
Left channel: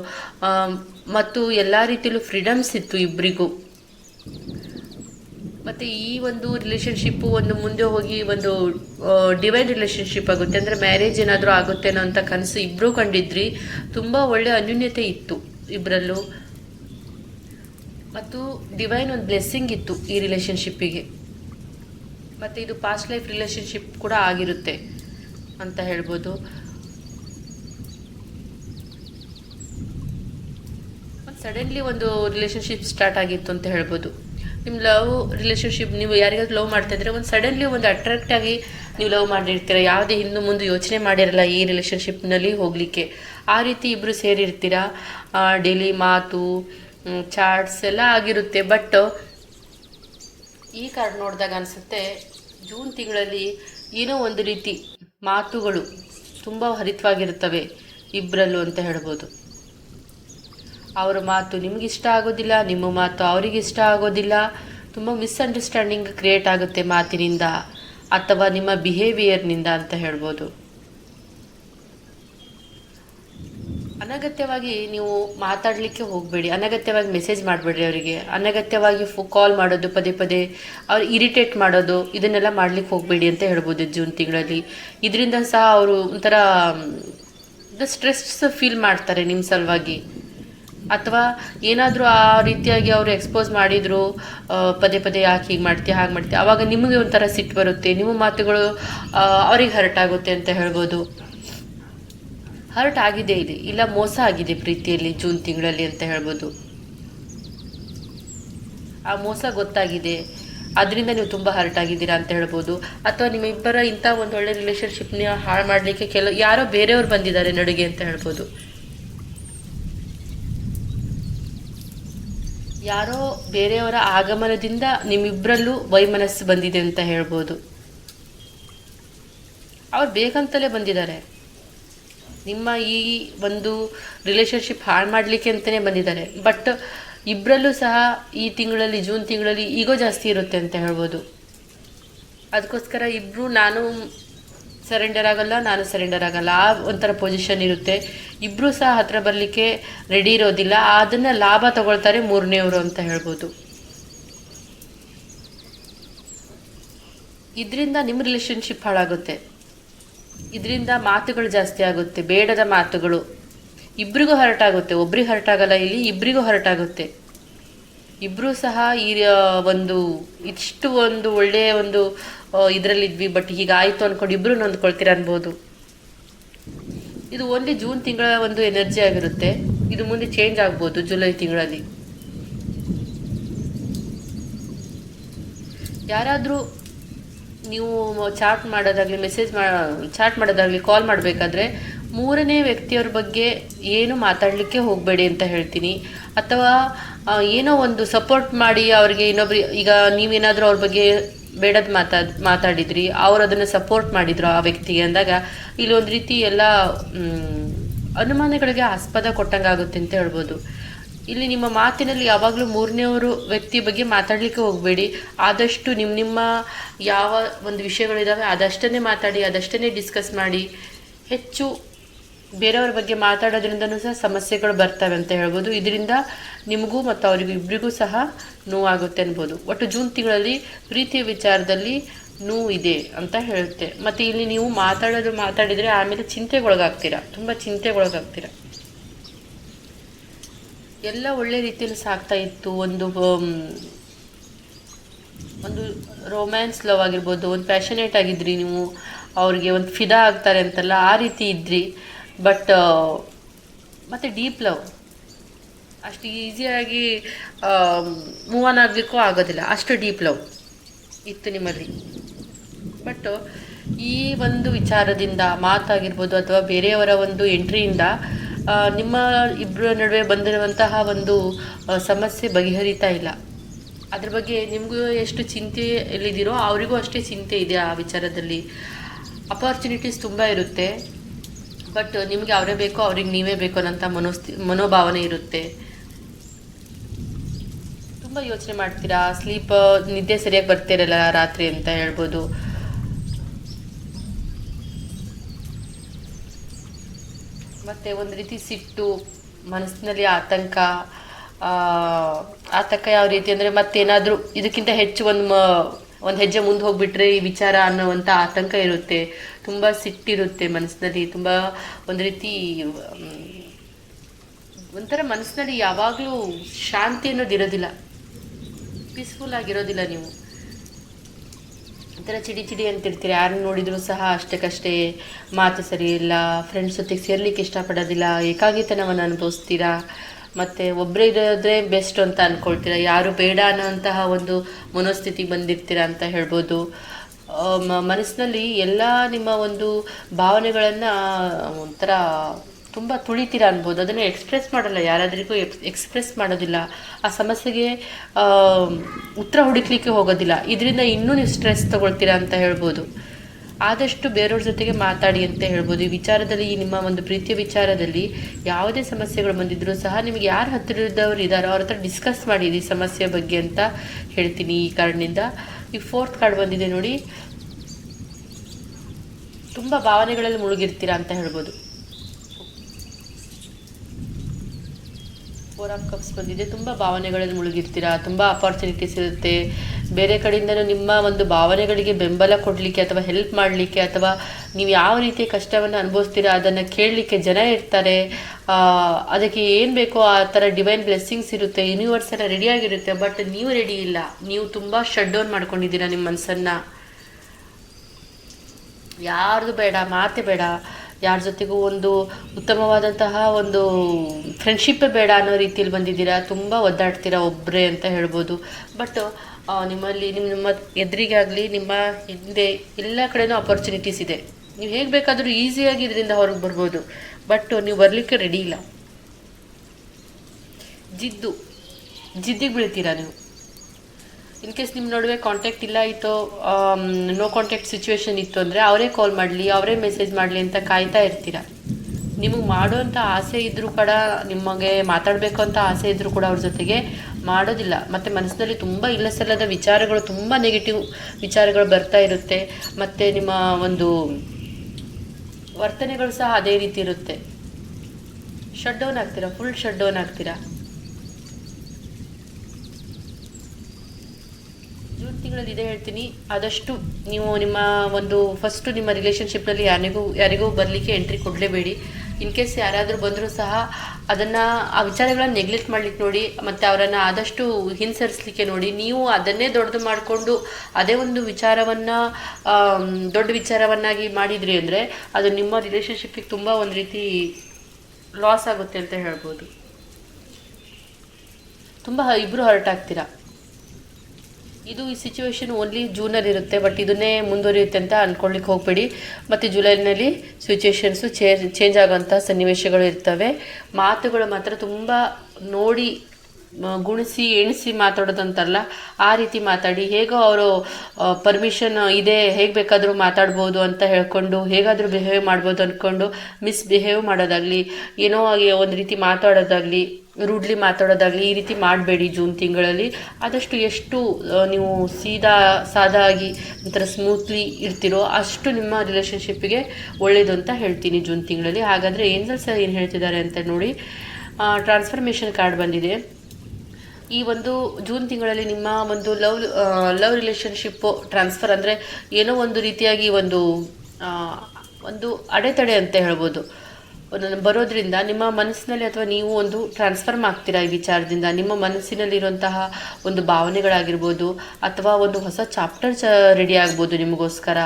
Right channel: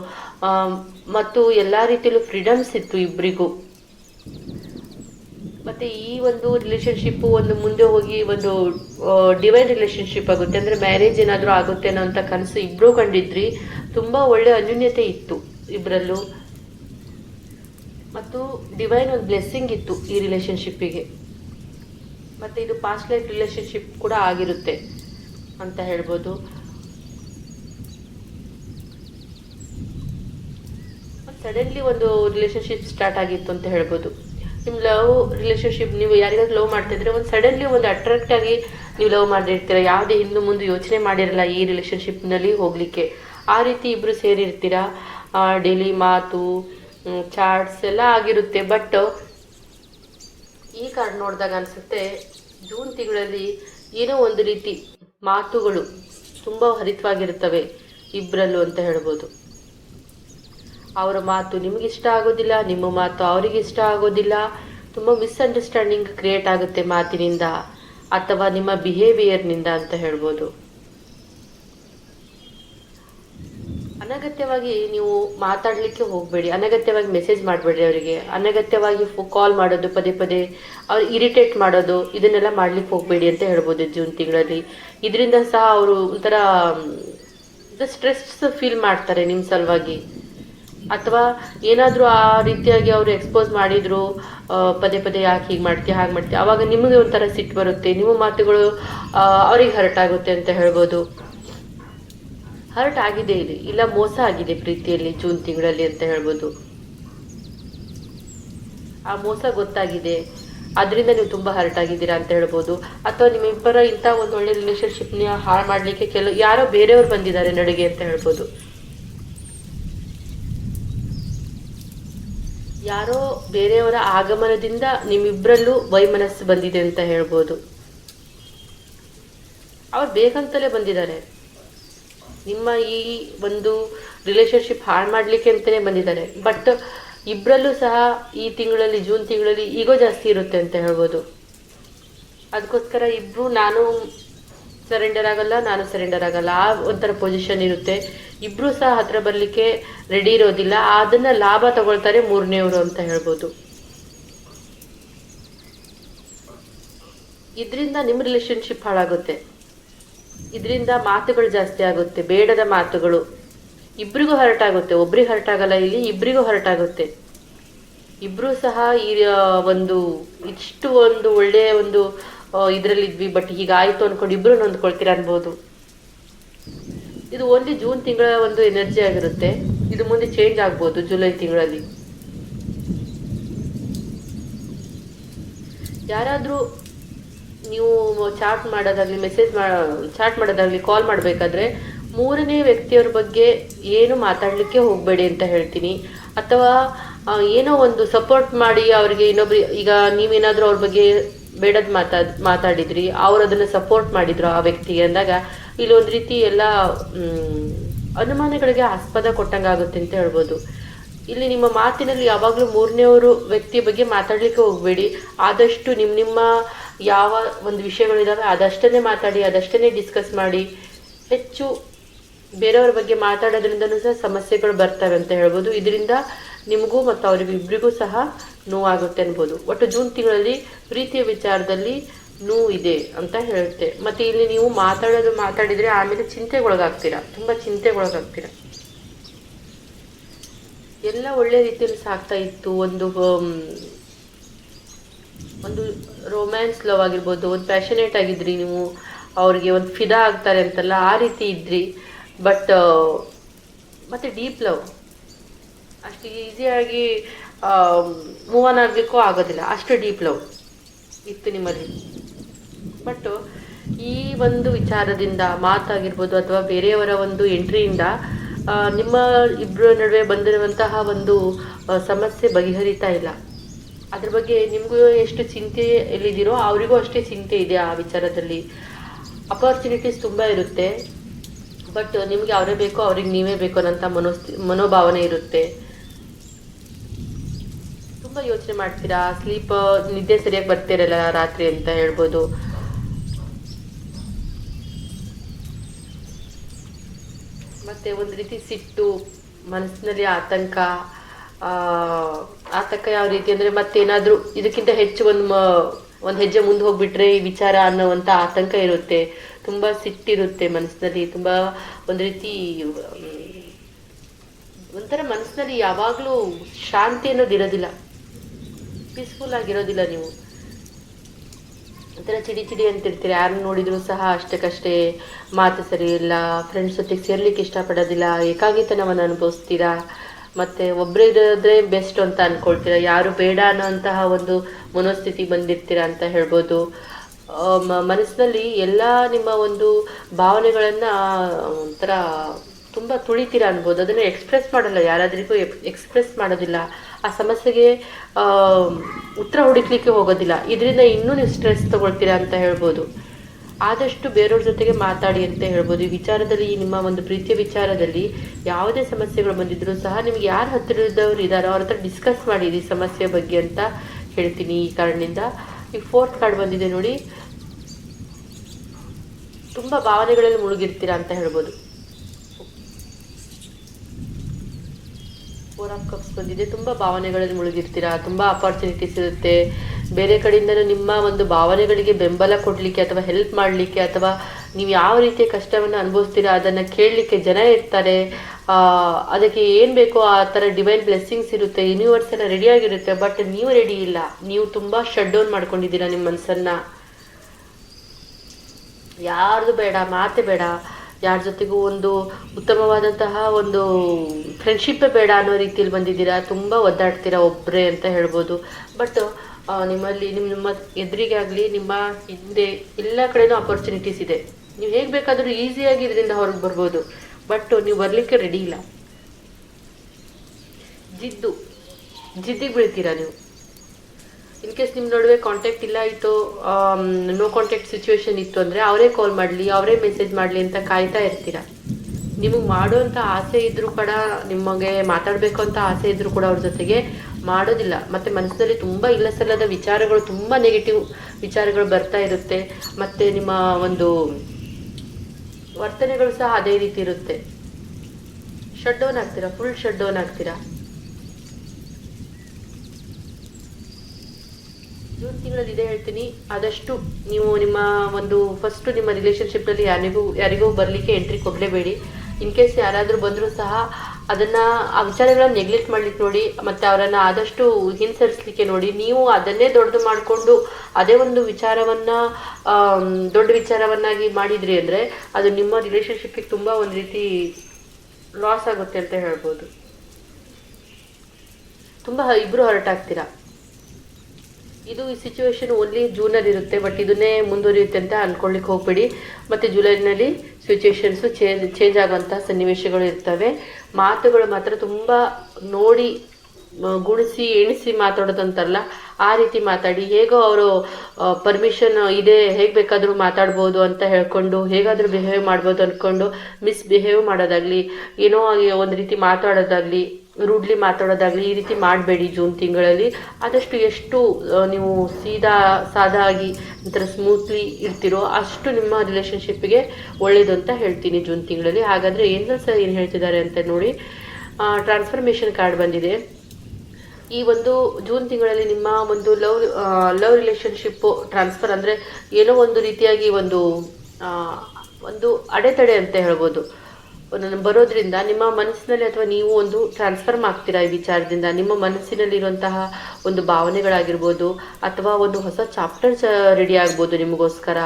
ಮತ್ತು ಎಲ್ಲ ರೀತಿಯಲ್ಲೂ ಫ್ರೀಡಮ್ಸ್ ಇತ್ತು ಇಬ್ಬರಿಗೂ. ಮತ್ತು ಈ ಒಂದು ರಿಲೇಶನ್ಶಿಪ್ಪು ಒಂದು ಮುಂದೆ ಹೋಗಿ ಒಂದು ಡಿವೈನ್ ರಿಲೇಶನ್ಶಿಪ್ ಆಗುತ್ತೆ, ಅಂದರೆ ಮ್ಯಾರೇಜ್ ಏನಾದರೂ ಆಗುತ್ತೇನೋ ಅಂತ ಕನಸು ಇಬ್ಬರೂ ಕಂಡಿದ್ರಿ. ತುಂಬ ಒಳ್ಳೆ ಅನ್ಯೂನ್ಯತೆ ಇತ್ತು ಇಬ್ಬರಲ್ಲೂ ಮತ್ತು ಡಿವೈನ್ ಒಂದು ಬ್ಲೆಸ್ಸಿಂಗ್ ಇತ್ತು ಈ ರಿಲೇಶನ್ಶಿಪ್ಪಿಗೆ. ಮತ್ತು ಇದು ಪಾಸ್ಟ್ ಲೈಫ್ ರಿಲೇಶನ್ಶಿಪ್ ಕೂಡ ಆಗಿರುತ್ತೆ ಅಂತ ಹೇಳ್ಬೋದು. ಸಡನ್ಲಿ ಒಂದು ರಿಲೇಶನ್ಶಿಪ್ ಸ್ಟಾರ್ಟ್ ಆಗಿತ್ತು ಅಂತ ಹೇಳ್ಬೋದು. ನಿಮ್ಮ ಲವ್ ರಿಲೇಶನ್ಶಿಪ್ ನೀವು ಯಾರಿಗಾದ್ರು ಲವ್ ಮಾಡ್ತಾ ಇದ್ರೆ ಒಂದು ಸಡನ್ಲಿ ಒಂದು ಅಟ್ರಾಕ್ಟ್ ಆಗಿ ನೀವು ಲವ್ ಮಾಡಿರ್ತೀರ. ಯಾವುದೇ ಹಿಂದೆ ಮುಂದೆ ಯೋಚನೆ ಮಾಡಿರಲ್ಲ ಈ ರಿಲೇಶನ್ಶಿಪ್ನಲ್ಲಿ ಹೋಗಲಿಕ್ಕೆ. ಆ ರೀತಿ ಇಬ್ಬರು ಸೇರಿರ್ತೀರ. ಡೈಲಿ ಮಾತು, ಚಾಟ್ಸ್ ಎಲ್ಲ ಆಗಿರುತ್ತೆ. ಬಟ್ ಈ ಕಾರ್ಡ್ ನೋಡಿದಾಗ ಅನಿಸುತ್ತೆ ಜೂನ್ ತಿಂಗಳಲ್ಲಿ ಏನೋ ಒಂದು ರೀತಿ ಮಾತುಗಳು ತುಂಬ ಹರಿತವಾಗಿರುತ್ತವೆ ಇಬ್ಬರಲ್ಲೂ ಅಂತ ಹೇಳ್ಬೋದು. ಅವರ ಮಾತು ನಿಮಗಿಷ್ಟ ಆಗೋದಿಲ್ಲ, ನಿಮ್ಮ ಮಾತು ಅವರಿಗೆ ಇಷ್ಟ ಆಗೋದಿಲ್ಲ. ತುಂಬ ಮಿಸ್ಅಂಡರ್ಸ್ಟ್ಯಾಂಡಿಂಗ್ ಕ್ರಿಯೇಟ್ ಆಗುತ್ತೆ ಮಾತಿನಿಂದ ಅಥವಾ ನಿಮ್ಮ ಬಿಹೇವಿಯರ್ನಿಂದ ಅಂತ ಹೇಳ್ಬೋದು. ಅನಗತ್ಯವಾಗಿ ನೀವು ಮಾತಾಡಲಿಕ್ಕೆ ಹೋಗಬೇಡಿ. ಅನಗತ್ಯವಾಗಿ ಮೆಸೇಜ್ ಮಾಡಬೇಡ್ರಿ ಅವರಿಗೆ. ಅನಗತ್ಯವಾಗಿ ಕಾಲ್ ಮಾಡೋದು, ಪದೇ ಪದೇ ಅವ್ರು ಇರಿಟೇಟ್ ಮಾಡೋದು, ಇದನ್ನೆಲ್ಲ ಮಾಡ್ಲಿಕ್ಕೆ ಹೋಗಬೇಡಿ ಅಂತ ಹೇಳ್ಬೋದು ಜೂನ್ ತಿಂಗಳಲ್ಲಿ. ಇದರಿಂದ ಸಹ ಅವರು ಒಂಥರ ಸ್ಟ್ರೆಸ್ ಫೀಲ್ ಮಾಡ್ತಾರೆ ನಿಮ್ಮ ಸಲುವಾಗಿ. ಅಥವಾ ಏನಾದರೂ ಆ ರೀತಿಯಾಗಿ ಅವರು ಎಕ್ಸ್ಪೋಸ್ ಮಾಡಿದ್ರು, ಪದೇ ಪದೇ ಯಾಕೆ ಹೀಗೆ ಮಾಡ್ತೀಯ ಹಾಗೆ ಮಾಡ್ತೀಯ, ಆವಾಗ ನಿಮಗೆ ಒಂಥರ ಸಿಟ್ಟು ಬರುತ್ತೆ. ನಿಮ್ಮ ಮಾತುಗಳು ಅವ್ರಿಗೆ ಹರ್ಟ್ ಆಗುತ್ತೆ ಅಂತ ಹೇಳ್ಬೋದು. ಹರ್ಟ್ ಆಗಿದೆ ಇಲ್ಲಿ, ಇಲ್ಲ ಮೋಸ ಆಗಿದೆ ಪ್ರೀತಿಯಲ್ಲಿ ಜೂನ್ ತಿಂಗಳಲ್ಲಿ ಅಂತ ಹೇಳ್ಬೋದು. ಆ ಮೋಸ ಗೊತ್ತಾಗಿದೆ, ಅದರಿಂದ ನೀವು ತುಂಬ ಹರ್ಟ್ ಆಗಿದ್ದೀರಾ ಅಂತ ಹೇಳ್ಬೋದು. ಅಥವಾ ನಿಮ್ಮಿಬ್ಬರ ಇಂಥ ಒಂದು ಒಳ್ಳೆ ರಿಲೇಶನ್ಶಿಪ್ನ ಹಾಳು ಮಾಡಲಿಕ್ಕೆ ಯಾರೋ ಬೇರೆಯವ್ರು ಬಂದಿದ್ದಾರೆ ನಡುಗೆ ಅಂತ ಹೇಳ್ಬೋದು. ಯಾರೋ ಬೇರೆಯವರ ಆಗಮನದಿಂದ ನಿಮ್ಮಿಬ್ಬರಲ್ಲೂ ವೈಮನಸ್ಸು ಬಂದಿದೆ ಅಂತ ಹೇಳ್ಬೋದು. ಅವ್ರು ಬೇಕಂತಲೇ ಬಂದಿದ್ದಾರೆ, ನಿಮ್ಮ ಈ ಒಂದು ರಿಲೇಶನ್ಶಿಪ್ ಹಾಳು ಮಾಡಲಿಕ್ಕೆ ಅಂತಲೇ ಬಂದಿದ್ದಾರೆ. ಬಟ್ ಇಬ್ಬರಲ್ಲೂ ಸಹ ಈ ತಿಂಗಳಲ್ಲಿ, ಜೂನ್ ತಿಂಗಳಲ್ಲಿ ಈಗೋ ಜಾಸ್ತಿ ಇರುತ್ತೆ ಅಂತ ಹೇಳ್ಬೋದು. ಅದಕ್ಕೋಸ್ಕರ ಇಬ್ಬರು ನಾನು ಸರೆಂಡರ್ ಆಗಲ್ಲ, ನಾನು ಸರೆಂಡರ್ ಆಗಲ್ಲ, ಆ ಒಂಥರ ಪೊಸಿಷನ್ ಇರುತ್ತೆ. ಇಬ್ಬರೂ ಸಹ ಹತ್ರ ಬರಲಿಕ್ಕೆ ರೆಡಿ ಇರೋದಿಲ್ಲ. ಅದನ್ನು ಲಾಭ ತಗೊಳ್ತಾರೆ 3ನೇವರು ಅಂತ ಹೇಳ್ಬೋದು. ಇದರಿಂದ ನಿಮ್ಮ ರಿಲೇಶನ್ಶಿಪ್ ಹಾಳಾಗುತ್ತೆ. ಇದರಿಂದ ಮಾತುಗಳು ಜಾಸ್ತಿ ಆಗುತ್ತೆ, ಬೇಡದ ಮಾತುಗಳು. ಇಬ್ಬರಿಗೂ ಹರ್ಟ್ ಆಗುತ್ತೆ, ಒಬ್ರಿಗೆ ಹರ್ಟ್ ಆಗಲ್ಲ, ಇಲ್ಲಿ ಇಬ್ಬರಿಗೂ ಹರ್ಟ್ ಆಗುತ್ತೆ. ಇಬ್ಬರೂ ಸಹ ಈ ಒಂದು ಇಷ್ಟು ಒಂದು ಒಳ್ಳೆಯ ಒಂದು ಇದರಲ್ಲಿದ್ವಿ, ಬಟ್ ಹೀಗಾಯಿತು ಅಂದ್ಕೊಂಡು ಇಬ್ಬರು ನೊಂದ್ಕೊಳ್ತೀರ ಅನ್ಬೋದು. ಇದು ಓನ್ಲಿ ಜೂನ್ ತಿಂಗಳ ಒಂದು ಎನರ್ಜಿ ಆಗಿರುತ್ತೆ. ಇದು ಮುಂದೆ ಚೇಂಜ್ ಆಗ್ಬೋದು ಜುಲೈ ತಿಂಗಳಲ್ಲಿ. ಯಾರಾದರೂ ನೀವು ಚಾಟ್ ಮಾಡೋದಾಗಲಿ, ಚಾಟ್ ಮಾಡೋದಾಗಲಿ, ಕಾಲ್ ಮಾಡಬೇಕಾದ್ರೆ 3ನೇ ವ್ಯಕ್ತಿಯವ್ರ ಬಗ್ಗೆ ಏನು ಮಾತಾಡಲಿಕ್ಕೆ ಹೋಗಬೇಡಿ ಅಂತ ಹೇಳ್ತೀನಿ. ಅಥವಾ ಏನೋ ಒಂದು ಸಪೋರ್ಟ್ ಮಾಡಿ ಅವ್ರಿಗೆ ಇನ್ನೊಬ್ರು, ಈಗ ನೀವೇನಾದರೂ ಅವ್ರ ಬಗ್ಗೆ ಬೇಡದ್ ಮಾತಾಡಿದ್ರಿ, ಅವ್ರು ಅದನ್ನು ಸಪೋರ್ಟ್ ಮಾಡಿದ್ರು ಆ ವ್ಯಕ್ತಿಗೆ ಅಂದಾಗ ಇಲ್ಲೊಂದು ರೀತಿ ಎಲ್ಲ ಅನುಮಾನಗಳಿಗೆ ಆಸ್ಪದ ಕೊಟ್ಟಂಗಾಗುತ್ತೆ ಅಂತ ಹೇಳ್ಬೋದು. ಇಲ್ಲಿ ನಿಮ್ಮ ಮಾತಿನಲ್ಲಿ ಯಾವಾಗಲೂ ಮೂರನೇವರು ವ್ಯಕ್ತಿಯ ಬಗ್ಗೆ ಮಾತಾಡಲಿಕ್ಕೆ ಹೋಗಬೇಡಿ. ಆದಷ್ಟು ನಿಮ್ಮ ಯಾವ ಒಂದು ವಿಷಯಗಳಿದಾವೆ ಅದಷ್ಟನ್ನೇ ಮಾತಾಡಿ, ಅದಷ್ಟನ್ನೇ ಡಿಸ್ಕಸ್ ಮಾಡಿ. ಹೆಚ್ಚು ಬೇರೆಯವರ ಬಗ್ಗೆ ಮಾತಾಡೋದ್ರಿಂದನೂ ಸಹ ಸಮಸ್ಯೆಗಳು ಬರ್ತವೆ ಅಂತ ಹೇಳ್ಬೋದು. ಇದರಿಂದ ನಿಮಗೂ ಮತ್ತು ಅವರಿಗೂ ಇಬ್ಬರಿಗೂ ಸಹ ನೋವಾಗುತ್ತೆ ಅನ್ಬೋದು. ಒಟ್ಟು ಜೂನ್ ತಿಂಗಳಲ್ಲಿ ಪ್ರೀತಿಯ ವಿಚಾರದಲ್ಲಿ ನೋವು ಇದೆ ಅಂತ ಹೇಳುತ್ತೆ. ಮತ್ತು ಇಲ್ಲಿ ನೀವು ಮಾತಾಡಿದರೆ ಆಮೇಲೆ ಚಿಂತೆಗೊಳಗಾಗ್ತೀರಾ, ತುಂಬ ಚಿಂತೆಗೊಳಗಾಗ್ತೀರಾ. ಎಲ್ಲ ಒಳ್ಳೆ ರೀತಿಯಲ್ಲಿ ಸಾಗ್ತಾ ಇತ್ತು. ಒಂದು ರೊಮ್ಯಾನ್ಸ್ ಲವ್ ಆಗಿರ್ಬೋದು, ಒಂದು ಪ್ಯಾಷನೇಟ್ ಆಗಿದ್ರಿ ನೀವು, ಅವ್ರಿಗೆ ಒಂದು ಫಿದಾ ಆಗ್ತಾರೆ ಅಂತಲ್ಲ ಆ ರೀತಿ ಇದ್ರಿ. ಬಟ್ ಮತ್ತು ಡೀಪ್ ಲವ್ ಅಷ್ಟು ಈಸಿಯಾಗಿ ಮೂವ್ ಆನ್ ಆಗಲಿಕ್ಕೂ ಆಗೋದಿಲ್ಲ, ಅಷ್ಟು ಡೀಪ್ ಲವ್ ಇತ್ತು ನಿಮ್ಮಲ್ಲಿ. ಬಟ್ ಈ ಒಂದು ವಿಚಾರದಿಂದ ಮಾತಾಗಿರ್ಬೋದು ಅಥವಾ ಬೇರೆಯವರ ಒಂದು ಎಂಟ್ರಿಯಿಂದ ನಿಮ್ಮ ಇಬ್ಬರ ನಡುವೆ ಬಂದಿರುವಂತಹ ಒಂದು ಸಮಸ್ಯೆ ಬಗೆಹರಿತಾ ಇಲ್ಲ. ಅದ್ರ ಬಗ್ಗೆ ನಿಮಗೂ ಎಷ್ಟು ಚಿಂತೆಯಲ್ಲಿದ್ದೀರೋ ಅವರಿಗೂ ಅಷ್ಟೇ ಚಿಂತೆ ಇದೆ ಆ ವಿಚಾರದಲ್ಲಿ. ಅಪರ್ಚುನಿಟೀಸ್ ತುಂಬ ಇರುತ್ತೆ, ಬಟ್ ನಿಮಗೆ ಅವರೇ ಬೇಕು, ಅವ್ರಿಗೆ ನೀವೇ ಬೇಕು ಅನ್ನೋಂಥ ಮನೋಭಾವನೆ ಇರುತ್ತೆ. ತುಂಬ ಯೋಚನೆ ಮಾಡ್ತೀರಾ, ನಿದ್ದೆ ಸರಿಯಾಗಿ ಬರ್ತಿರಲ್ಲ ರಾತ್ರಿ ಅಂತ ಹೇಳ್ಬೋದು. ಮತ್ತು ಒಂದು ರೀತಿ ಸಿಟ್ಟು, ಮನಸ್ಸಿನಲ್ಲಿ ಆತಂಕ ಯಾವ ರೀತಿ ಅಂದರೆ ಮತ್ತೇನಾದರೂ ಇದಕ್ಕಿಂತ ಹೆಚ್ಚು ಒಂದು ಹೆಜ್ಜೆ ಮುಂದೆ ಹೋಗ್ಬಿಟ್ರೆ ಈ ವಿಚಾರ ಅನ್ನೋವಂಥ ಆತಂಕ ಇರುತ್ತೆ. ತುಂಬ ಸಿಟ್ಟಿರುತ್ತೆ ಮನಸ್ಸಿನಲ್ಲಿ, ತುಂಬ ಒಂದು ರೀತಿ ಒಂಥರ ಮನಸ್ಸಿನಲ್ಲಿ ಯಾವಾಗಲೂ ಶಾಂತಿ ಅನ್ನೋದು ಇರೋದಿಲ್ಲ, ಪೀಸ್ಫುಲ್ ಆಗಿರೋದಿಲ್ಲ. ನೀವು ಒಂಥರ ಚಿಡಿ ಅಂತಿರ್ತೀರಿ, ಯಾರು ನೋಡಿದರೂ ಸಹ ಅಷ್ಟಕ್ಕಷ್ಟೇ, ಮಾತು ಸರಿ ಇಲ್ಲ, ಫ್ರೆಂಡ್ಸ್ ಜೊತೆಗೆ ಸೇರ್ಲಿಕ್ಕೆ ಇಷ್ಟಪಡೋದಿಲ್ಲ, ಏಕಾಂಗಿತನವನ್ನು ಅನುಭವಿಸ್ತೀರಾ, ಮತ್ತು ಒಬ್ಬರೇ ಇರೋದ್ರೆ ಬೆಸ್ಟ್ ಅಂತ ಅಂದ್ಕೊಳ್ತೀರಾ, ಯಾರು ಬೇಡ ಅನ್ನೋಂತಹ ಒಂದು ಮನೋಸ್ಥಿತಿ ಬಂದಿರ್ತೀರ ಅಂತ ಹೇಳ್ಬೋದು. ಮನಸ್ಸಿನಲ್ಲಿ ಎಲ್ಲ ನಿಮ್ಮ ಒಂದು ಭಾವನೆಗಳನ್ನು ಒಂಥರ ತುಂಬ ತುಳಿತೀರ ಅನ್ಬೋದು. ಅದನ್ನು ಎಕ್ಸ್ಪ್ರೆಸ್ ಮಾಡಲ್ಲ, ಯಾರಾದ್ರಿಗೂ ಎಕ್ಸ್ಪ್ರೆಸ್ ಮಾಡೋದಿಲ್ಲ. ಆ ಸಮಸ್ಯೆಗೆ ಉತ್ತರ ಹುಡುಕ್ಲಿಕ್ಕೆ ಹೋಗೋದಿಲ್ಲ. ಇದರಿಂದ ಇನ್ನೂ ನೀವು ಸ್ಟ್ರೆಸ್ ತೊಗೊಳ್ತೀರಾ ಅಂತ ಹೇಳ್ಬೋದು. ಆದಷ್ಟು ಬೇರೆಯವ್ರ ಜೊತೆಗೆ ಮಾತಾಡಿ ಅಂತ ಹೇಳ್ಬೋದು. ಈ ವಿಚಾರದಲ್ಲಿ, ನಿಮ್ಮ ಒಂದು ಪ್ರೀತಿಯ ವಿಚಾರದಲ್ಲಿ ಯಾವುದೇ ಸಮಸ್ಯೆಗಳು ಬಂದಿದ್ರೂ ಸಹ ನಿಮಗೆ ಯಾರು ಹತ್ತಿರದವ್ರು ಇದ್ದಾರೋ ಅವ್ರ ಹತ್ರ ಡಿಸ್ಕಸ್ ಮಾಡಿ ಈ ಸಮಸ್ಯೆ ಬಗ್ಗೆ ಅಂತ ಹೇಳ್ತೀನಿ. ಈ ಕಾರಣದಿಂದ ಈ 4th ಕಾರ್ಡ್ ಬಂದಿದೆ ನೋಡಿ, ತುಂಬ ಭಾವನೆಗಳಲ್ಲಿ ಮುಳುಗಿರ್ತೀರಾ ಅಂತ ಹೇಳ್ಬೋದು. 4 ಆಫ್ ಕಪ್ಸ್ ಬಂದಿದೆ, ತುಂಬ ಭಾವನೆಗಳಲ್ಲಿ ಮುಳುಗಿರ್ತೀರಾ, ತುಂಬ ಅಪಾರ್ಚುನಿಟೀಸ್ ಇರುತ್ತೆ. ಬೇರೆ ಕಡೆಯಿಂದಲೂ ನಿಮ್ಮ ಒಂದು ಭಾವನೆಗಳಿಗೆ ಬೆಂಬಲ ಕೊಡಲಿಕ್ಕೆ ಅಥವಾ ಹೆಲ್ಪ್ ಮಾಡಲಿಕ್ಕೆ, ಅಥವಾ ನೀವು ಯಾವ ರೀತಿಯ ಕಷ್ಟವನ್ನು ಅನುಭವಿಸ್ತೀರಾ ಅದನ್ನು ಕೇಳಲಿಕ್ಕೆ ಜನ ಇರ್ತಾರೆ. ಅದಕ್ಕೆ ಏನು ಬೇಕೋ ಆ ಥರ ಡಿವೈನ್ ಬ್ಲೆಸ್ಸಿಂಗ್ಸ್ ಇರುತ್ತೆ, ಯೂನಿವರ್ಸ್ ಎಲ್ಲ ರೆಡಿಯಾಗಿರುತ್ತೆ. ಬಟ್ ನೀವು ರೆಡಿ ಇಲ್ಲ, ನೀವು ತುಂಬ ಶಟ್ ಡೌನ್ ಮಾಡ್ಕೊಂಡಿದ್ದೀರಾ ನಿಮ್ಮ ಮನಸ್ಸನ್ನು. ಯಾರ್ದು ಬೇಡ, ಮಾತೇ ಬೇಡ, ಯಾರ ಜೊತೆಗೂ ಒಂದು ಉತ್ತಮವಾದಂತಹ ಒಂದು ಫ್ರೆಂಡ್ಶಿಪ್ಪೇ ಬೇಡ ಅನ್ನೋ ರೀತಿಯಲ್ಲಿ ಬಂದಿದ್ದೀರಾ. ತುಂಬ ಒದ್ದಾಡ್ತೀರಾ ಒಬ್ಬರೇ ಅಂತ ಹೇಳ್ಬೋದು. ಬಟ್ ನಿಮ್ಮಲ್ಲಿ ನಿಮ್ಮ ಎದುರಿಗಾಗಲಿ ನಿಮ್ಮ ಹಿಂದೆ ಎಲ್ಲ ಕಡೆನೂ ಅಪರ್ಚುನಿಟೀಸ್ ಇದೆ. ನೀವು ಹೇಗೆ ಬೇಕಾದರೂ ಈಸಿಯಾಗಿ ಇದರಿಂದ ಹೊರಗೆ ಬರ್ಬೋದು. ಬಟ್ ನೀವು ಬರಲಿಕ್ಕೆ ರೆಡಿ ಇಲ್ಲ. ಜಿದ್ದಿಗೆ ಬೀಳ್ತೀರಾ ನೀವು. ಇನ್ ಕೇಸ್ ನಿಮ್ಮ ನಡುವೆ ಕಾಂಟ್ಯಾಕ್ಟ್ ಇಲ್ಲ ಇತ್ತು, ನೋ ಕಾಂಟ್ಯಾಕ್ಟ್ ಸಿಚುವೇಶನ್ ಇತ್ತು ಅಂದರೆ ಅವರೇ ಕಾಲ್ ಮಾಡಲಿ, ಅವರೇ ಮೆಸೇಜ್ ಮಾಡಲಿ ಅಂತ ಕಾಯ್ತಾ ಇರ್ತೀರ. ನಿಮಗೆ ಮಾಡುವಂಥ ಆಸೆ ಇದ್ದರೂ ಕೂಡ, ನಿಮಗೆ ಮಾತಾಡಬೇಕು ಅಂತ ಆಸೆ ಇದ್ದರೂ ಕೂಡ ಅವ್ರ ಜೊತೆಗೆ ಮಾಡೋದಿಲ್ಲ. ಮತ್ತು ಮನಸ್ಸಿನಲ್ಲಿ ತುಂಬ ಇಲ್ಲಸಲ್ಲದ ವಿಚಾರಗಳು, ತುಂಬ ನೆಗೆಟಿವ್ ವಿಚಾರಗಳು ಬರ್ತಾ ಇರುತ್ತೆ. ಮತ್ತು ನಿಮ್ಮ ಒಂದು ವರ್ತನೆಗಳು ಸಹ ಅದೇ ರೀತಿ ಇರುತ್ತೆ. ಶಟ್ ಡೌನ್ ಆಗ್ತೀರಾ, ಫುಲ್ ಶಟ್ ಡೌನ್ ಆಗ್ತೀರಾ. ಜೂನ್ ತಿಂಗಳಲ್ಲಿ ಇದೇ ಹೇಳ್ತೀನಿ, ಆದಷ್ಟು ನೀವು ನಿಮ್ಮ ಒಂದು ಫಸ್ಟು ನಿಮ್ಮ ರಿಲೇಷನ್ಶಿಪ್ನಲ್ಲಿ ಯಾರಿಗೂ ಬರಲಿಕ್ಕೆ ಎಂಟ್ರಿ ಕೊಡಲೇಬೇಡಿ. ಇನ್ ಕೇಸ್ ಯಾರಾದರೂ ಬಂದರೂ ಸಹ ಅದನ್ನು, ಆ ವಿಚಾರಗಳನ್ನು ನೆಗ್ಲೆಕ್ಟ್ ಮಾಡ್ಲಿಕ್ಕೆ ನೋಡಿ, ಮತ್ತು ಅವರನ್ನು ಆದಷ್ಟು ಹಿಂಸರಿಸಲಿಕ್ಕೆ ನೋಡಿ. ನೀವು ಅದನ್ನೇ ದೊಡ್ಡದು ಮಾಡಿಕೊಂಡು ಅದೇ ಒಂದು ವಿಚಾರವನ್ನು ದೊಡ್ಡ ವಿಚಾರವನ್ನಾಗಿ ಮಾಡಿದ್ರಿ ಅಂದರೆ ಅದು ನಿಮ್ಮ ರಿಲೇಷನ್ಶಿಪ್ಪಿಗೆ ತುಂಬ ಒಂದು ರೀತಿ ಲಾಸ್ ಆಗುತ್ತೆ ಅಂತ ಹೇಳ್ಬೋದು. ತುಂಬ ಇಬ್ಬರು ಹರ್ಟ್ ಆಗ್ತೀರಾ. ಇದು ಈ ಸಿಚುವೇಶನ್ ಓನ್ಲಿ ಜೂನಲ್ಲಿ ಇರುತ್ತೆ, ಬಟ್ ಇದನ್ನೇ ಮುಂದುವರಿಯುತ್ತೆ ಅಂತ ಅಂದ್ಕೊಳ್ಳಿಕ್ಕೆ ಹೋಗ್ಬೇಡಿ. ಮತ್ತು ಜುಲೈನಲ್ಲಿ ಸಿಚುವೇಶನ್ಸು ಚೇಂಜ್ ಆಗೋಂಥ ಸನ್ನಿವೇಶಗಳು ಇರ್ತವೆ. ಮಾತುಗಳು ಮಾತ್ರ ತುಂಬ ನೋಡಿ ಗುಣಿಸಿ ಎಣಿಸಿ ಮಾತಾಡೋದಂತಾರಲ್ಲ ಆ ರೀತಿ ಮಾತಾಡಿ, ಹೇಗೋ ಅವರು ಪರ್ಮಿಷನ್ ಇದೆ ಹೇಗೆ ಬೇಕಾದರೂ ಮಾತಾಡ್ಬೋದು ಅಂತ ಹೇಳ್ಕೊಂಡು ಹೇಗಾದರೂ ಬಿಹೇವ್ ಮಾಡ್ಬೋದು ಅಂದ್ಕೊಂಡು ಮಿಸ್ಬಿಹೇವ್ ಮಾಡೋದಾಗ್ಲಿ, ಏನೋ ಒಂದು ರೀತಿ ಮಾತಾಡೋದಾಗ್ಲಿ, ರೂಡ್ಲಿ ಮಾತಾಡೋದಾಗ್ಲಿ ಈ ರೀತಿ ಮಾಡಬೇಡಿ ಜೂನ್ ತಿಂಗಳಲ್ಲಿ. ಆದಷ್ಟು ಎಷ್ಟು ನೀವು ಸಾದಾ ಆಗಿ ಒಂಥರ ಸ್ಮೂತ್ಲಿ ಇರ್ತಿರೋ ಅಷ್ಟು ನಿಮ್ಮ ರಿಲೇಷನ್ಶಿಪ್ಪಿಗೆ ಒಳ್ಳೇದು ಅಂತ ಹೇಳ್ತೀನಿ ಜೂನ್ ತಿಂಗಳಲ್ಲಿ. ಹಾಗಾದರೆ ಏಂಜಲ್ಸ್ ಏನು ಹೇಳ್ತಿದ್ದಾರೆ ಅಂತ ನೋಡಿ. ಟ್ರಾನ್ಸ್ಫರ್ಮೇಷನ್ ಕಾರ್ಡ್ ಬಂದಿದೆ. ಈ ಒಂದು ಜೂನ್ ತಿಂಗಳಲ್ಲಿ ನಿಮ್ಮ ಒಂದು ಲವ್ ರಿಲೇಷನ್ಶಿಪ್ಪು ಟ್ರಾನ್ಸ್ಫರ್ ಅಂದರೆ ಏನೋ ಒಂದು ರೀತಿಯಾಗಿ ಒಂದು ಅಡೆತಡೆ ಅಂತ ಹೇಳ್ಬೋದು ಬರೋದ್ರಿಂದ ನಿಮ್ಮ ಮನಸ್ಸಿನಲ್ಲಿ ಅಥವಾ ನೀವು ಒಂದು ಟ್ರಾನ್ಸ್ಫರ್ಮ್ ಆಗ್ತೀರಾ ಈ ವಿಚಾರದಿಂದ. ನಿಮ್ಮ ಮನಸ್ಸಿನಲ್ಲಿರುವಂತಹ ಒಂದು ಭಾವನೆಗಳಾಗಿರ್ಬೋದು ಅಥವಾ ಒಂದು ಹೊಸ ಚಾಪ್ಟರ್ ರೆಡಿ ಆಗ್ಬೋದು ನಿಮಗೋಸ್ಕರ.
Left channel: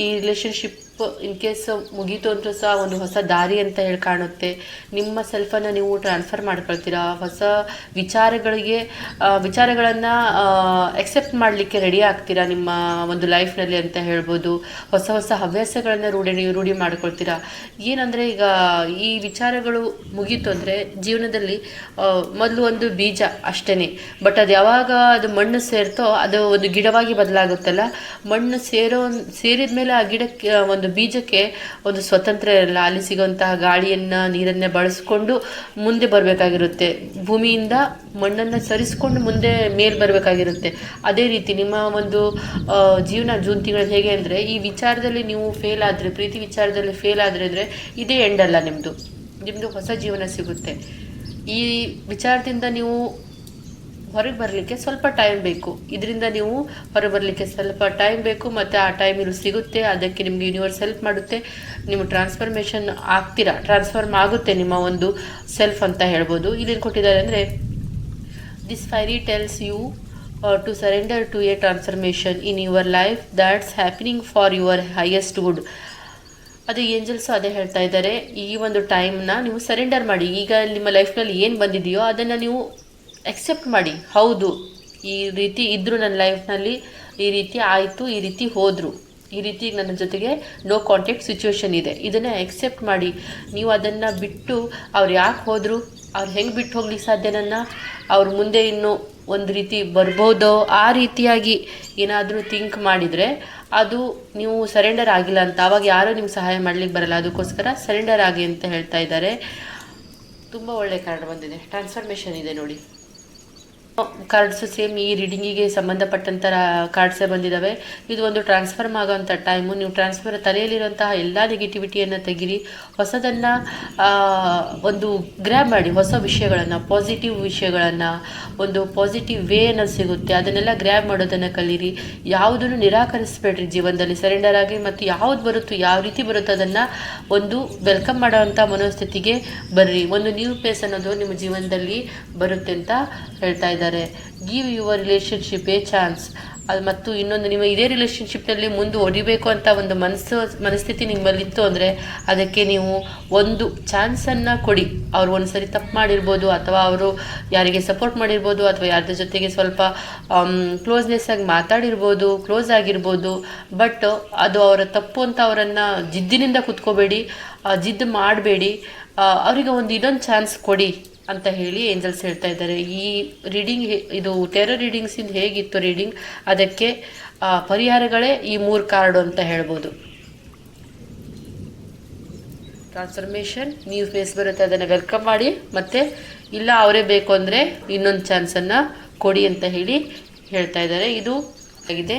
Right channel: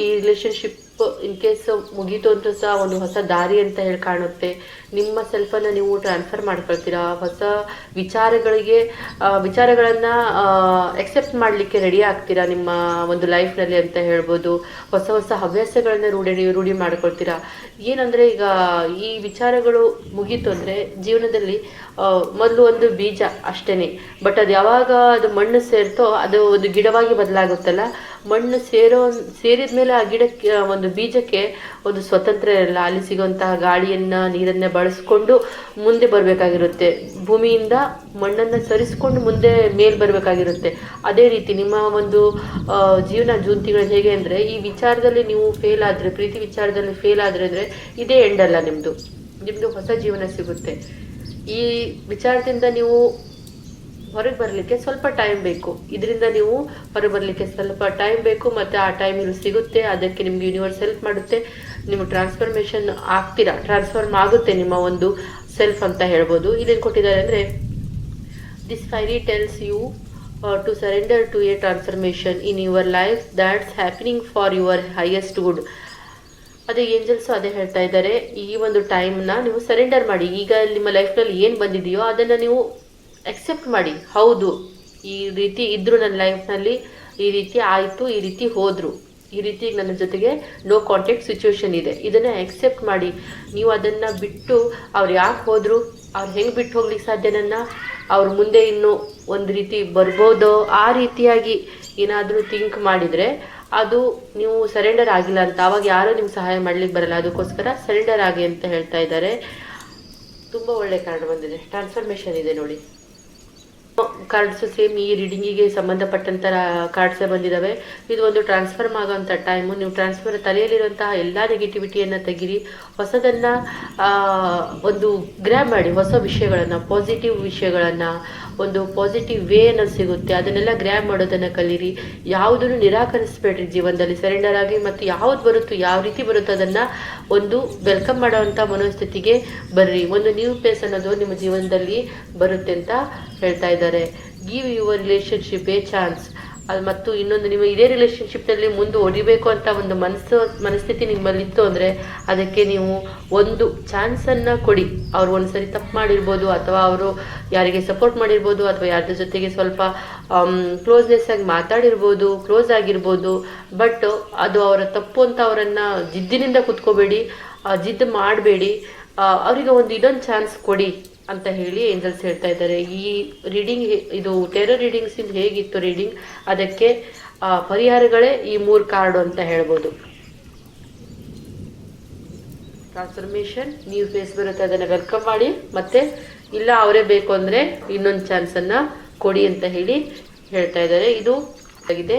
ಈ ರಿಲೇಷನ್ಶಿಪ್ ಇನ್ ಕೇಸ್ ಮುಗೀತು ಅಂತ ಸಹ ಒಂದು ಹೊಸ ದಾರಿ ಅಂತ ಹೇಳಿ ಕಾಣುತ್ತೆ. ನಿಮ್ಮ ಸೆಲ್ಫನ್ನು ನೀವು ಟ್ರಾನ್ಸ್ಫರ್ ಮಾಡ್ಕೊಳ್ತೀರಾ. ಹೊಸ ವಿಚಾರಗಳನ್ನು ಎಕ್ಸೆಪ್ಟ್ ಮಾಡಲಿಕ್ಕೆ ರೆಡಿ ಆಗ್ತೀರಾ ನಿಮ್ಮ ಒಂದು ಲೈಫ್ನಲ್ಲಿ ಅಂತ ಹೇಳ್ಬೋದು. ಹೊಸ ಹವ್ಯಾಸಗಳನ್ನು ರೂಢಿ ಮಾಡ್ಕೊಳ್ತೀರಾ. ಏನಂದರೆ ಈಗ ಈ ವಿಚಾರಗಳು ಮುಗೀತು ಅಂದರೆ ಜೀವನದಲ್ಲಿ ಮೊದಲು ಒಂದು ಬೀಜ ಅಷ್ಟೇ, ಬಟ್ ಅದು ಯಾವಾಗ ಅದು ಮಣ್ಣು ಸೇರ್ತೋ ಅದು ಒಂದು ಗಿಡವಾಗಿ ಬದಲಾಗುತ್ತಲ್ಲ. ಮಣ್ಣು ಸೇರಿದ ಮೇಲೆ ಆ ಗಿಡಕ್ಕೆ ಒಂದು ಬೀಜಕ್ಕೆ ಒಂದು ಸ್ವತಂತ್ರ ಇರಲ್ಲ. ಅಲ್ಲಿ ಸಿಗುವಂತಹ ಗಾಳಿಯನ್ನ ನೀರನ್ನ ಬಳಸ್ಕೊಂಡು ಮುಂದೆ ಬರಬೇಕಾಗಿರುತ್ತೆ. ಭೂಮಿಯಿಂದ ಮಣ್ಣನ್ನು ಸರಿಸ್ಕೊಂಡು ಮುಂದೆ ಮೇಲ್ ಬರಬೇಕಾಗಿರುತ್ತೆ. ಅದೇ ರೀತಿ ನಿಮ್ಮ ಒಂದು ಜೀವನ ಜೂನ್ ತಿಂಗಳಲ್ಲಿ ಹೇಗೆ ಅಂದರೆ, ಈ ವಿಚಾರದಲ್ಲಿ ನೀವು ಫೇಲ್ ಆದರೆ, ಪ್ರೀತಿ ವಿಚಾರದಲ್ಲಿ ಫೇಲ್ ಆದರೆ ಅಂದರೆ ಇದೇ ಎಂಡ್ ಅಲ್ಲ, ನಿಮ್ಮದು ಹೊಸ ಜೀವನ ಸಿಗುತ್ತೆ. ಈ ವಿಚಾರದಿಂದ ನೀವು ಹೊರಗೆ ಬರಲಿಕ್ಕೆ ಸ್ವಲ್ಪ ಟೈಮ್ ಬೇಕು. ಇದರಿಂದ ನೀವು ಹೊರಗೆ ಬರಲಿಕ್ಕೆ ಸ್ವಲ್ಪ ಟೈಮ್ ಬೇಕು, ಮತ್ತು ಆ ಟೈಮ್ ಇಲ್ಲಿ ಸಿಗುತ್ತೆ. ಅದಕ್ಕೆ ನಿಮ್ಗೆ ಯೂನಿವರ್ಸ್ ಹೆಲ್ಪ್ ಮಾಡುತ್ತೆ. ನೀವು ಟ್ರಾನ್ಸ್ಫರ್ಮೇಷನ್ ಆಗ್ತೀರಾ, ಟ್ರಾನ್ಸ್ಫರ್ಮ್ ಆಗುತ್ತೆ ನಿಮ್ಮ ಒಂದು ಸೆಲ್ಫ್ ಅಂತ ಹೇಳ್ಬೋದು. ಇದೇನು ಕೊಟ್ಟಿದ್ದಾರೆ ಅಂದರೆ, this fairy tells you to surrender to a transformation in your life that's happening for your highest good. ಅದೇ ಏಂಜಲ್ಸು ಅದೇ ಹೇಳ್ತಾ ಇದ್ದಾರೆ, ಈ ಒಂದು ಟೈಮ್ನ ನೀವು ಸರೆಂಡರ್ ಮಾಡಿ. ಈಗ ನಿಮ್ಮ ಲೈಫ್ನಲ್ಲಿ ಏನು ಬಂದಿದೆಯೋ ಅದನ್ನು ನೀವು ಎಕ್ಸೆಪ್ಟ್ ಮಾಡಿ. ಹೌದು, ಈ ರೀತಿ ಇದ್ದರು ನನ್ನ ಲೈಫ್ನಲ್ಲಿ, ಈ ರೀತಿ ಆಯಿತು, ಈ ರೀತಿ ಹೋದರು, ಈ ರೀತಿ ನನ್ನ ಜೊತೆಗೆ ನೋ ಕಾಂಟ್ಯಾಕ್ಟ್ ಸಿಚುವೇಶನ್ ಇದೆ, ಇದನ್ನು ಎಕ್ಸೆಪ್ಟ್ ಮಾಡಿ. ನೀವು ಅದನ್ನು ಬಿಟ್ಟು ಅವ್ರು ಯಾಕೆ ಹೋದರು, ಅವ್ರು ಹೆಂಗೆ ಬಿಟ್ಟು ಹೋಗ್ಲಿಕ್ಕೆ ಸಾಧ್ಯ, ಅವ್ರ ಮುಂದೆ ಇನ್ನೂ ಒಂದು ರೀತಿ ಬರ್ಬೋದೋ ಆ ರೀತಿಯಾಗಿ ಏನಾದರೂ ಥಿಂಕ್ ಮಾಡಿದರೆ ಅದು ನೀವು ಸರೆಂಡರ್ ಆಗಿಲ್ಲ ಅಂತ. ಆವಾಗ ಯಾರೂ ನಿಮ್ಗೆ ಸಹಾಯ ಮಾಡ್ಲಿಕ್ಕೆ ಬರಲ್ಲ. ಅದಕ್ಕೋಸ್ಕರ ಸರೆಂಡರ್ ಆಗಿ ಅಂತ ಹೇಳ್ತಾ ಇದ್ದಾರೆ. ತುಂಬ ಒಳ್ಳೆ ಕಾರ್ಡ್ ಬಂದಿದೆ, ಟ್ರಾನ್ಸ್ಫರ್ಮೇಷನ್ ಇದೆ ನೋಡಿ. ಕಾರ್ಡ್ಸು ಸೇಮ್ ಈ ರೀಡಿಂಗಿಗೆ ಸಂಬಂಧಪಟ್ಟಂಥ ಕಾರ್ಡ್ಸೇ ಬಂದಿದ್ದಾವೆ. ಇದು ಒಂದು ಟ್ರಾನ್ಸ್ಫರ್ಮ್ ಆಗೋವಂಥ ಟೈಮು. ನೀವು ತಲೆಯಲ್ಲಿರುವಂತಹ ಎಲ್ಲ ನೆಗೆಟಿವಿಟಿಯನ್ನು ತೆಗೀರಿ, ಹೊಸದನ್ನು ಒಂದು ಗ್ರ್ಯಾಬ್ ಮಾಡಿ. ಹೊಸ ವಿಷಯಗಳನ್ನು, ಪಾಸಿಟಿವ್ ವಿಷಯಗಳನ್ನು, ಒಂದು ಪಾಸಿಟಿವ್ ವೇ ಅನ್ನೋದು ಸಿಗುತ್ತೆ, ಅದನ್ನೆಲ್ಲ ಗ್ರ್ಯಾಬ್ ಮಾಡೋದನ್ನು ಕಲೀರಿ. ಯಾವುದನ್ನು ನಿರಾಕರಿಸಬೇಡ್ರಿ ಜೀವನದಲ್ಲಿ, ಸರೆಂಡರ್ ಆಗಿ. ಮತ್ತು ಯಾವ್ದು ಬರುತ್ತೋ, ಯಾವ ರೀತಿ ಬರುತ್ತೋ ಅದನ್ನು ಒಂದು ವೆಲ್ಕಮ್ ಮಾಡೋವಂಥ ಮನೋಸ್ಥಿತಿಗೆ ಬರ್ರಿ. ಒಂದು ನ್ಯೂ ಪ್ಲೇಸ್ ಅನ್ನೋದು ನಿಮ್ಮ ಜೀವನದಲ್ಲಿ ಬರುತ್ತೆ ಅಂತ ಹೇಳ್ತಾ ಇದ್ದಾರೆ. Give your relationship A chance. ಮತ್ತು ಇನ್ನೊಂದು, ನೀವು ಇದೇ ರಿಲೇಷನ್ಶಿಪ್ನಲ್ಲಿ ಮುಂದೆ ಹೊಡಿಬೇಕು ಅಂತ ಒಂದು ಮನಸ್ಥಿತಿ ನಿಮ್ಮಲ್ಲಿತ್ತು ಅಂದರೆ ಅದಕ್ಕೆ ನೀವು ಒಂದು ಚಾನ್ಸನ್ನು ಕೊಡಿ. ಅವ್ರು ಒಂದ್ಸರಿ ತಪ್ಪು ಮಾಡಿರ್ಬೋದು, ಅಥವಾ ಅವರು ಯಾರಿಗೆ ಸಪೋರ್ಟ್ ಮಾಡಿರ್ಬೋದು, ಅಥವಾ ಯಾರ್ದ್ರ ಜೊತೆಗೆ ಸ್ವಲ್ಪ ಕ್ಲೋಸ್ನೆಸ್ ಆಗಿ ಮಾತಾಡಿರ್ಬೋದು, ಕ್ಲೋಸ್ ಆಗಿರ್ಬೋದು. ಬಟ್ ಅದು ಅವರ ತಪ್ಪು ಅಂತ ಅವರನ್ನು ಜಿದ್ದಿನಿಂದ ಕುತ್ಕೋಬೇಡಿ, ಜಿದ್ದು ಮಾಡಬೇಡಿ. ಅವರಿಗೆ ಇನ್ನೊಂದು ಚಾನ್ಸ್ ಕೊಡಿ ಅಂತ ಹೇಳಿ ಏಂಜಲ್ಸ್ ಹೇಳ್ತಾ ಇದ್ದಾರೆ. ಈ ರೀಡಿಂಗ್, ಇದು ಟೆರರ್ ರೀಡಿಂಗ್ಸಿಂದ ಹೇಗಿತ್ತು ರೀಡಿಂಗ್, ಅದಕ್ಕೆ ಪರಿಹಾರಗಳೇ ಈ 3 ಕಾರ್ಡು ಅಂತ ಹೇಳ್ಬೋದು. ಟ್ರಾನ್ಸ್ಫರ್ಮೇಷನ್, ನ್ಯೂ ಫೇಸ್ ಬರುತ್ತೆ, ಅದನ್ನು ವೆಲ್ಕಮ್ ಮಾಡಿ. ಮತ್ತು ಇಲ್ಲ ಅವರೇ ಬೇಕು ಅಂದರೆ ಇನ್ನೊಂದು ಚಾನ್ಸನ್ನು ಕೊಡಿ ಅಂತ ಹೇಳಿ ಹೇಳ್ತಾ ಇದ್ದಾರೆ. ಇದು ಆಗಿದೆ.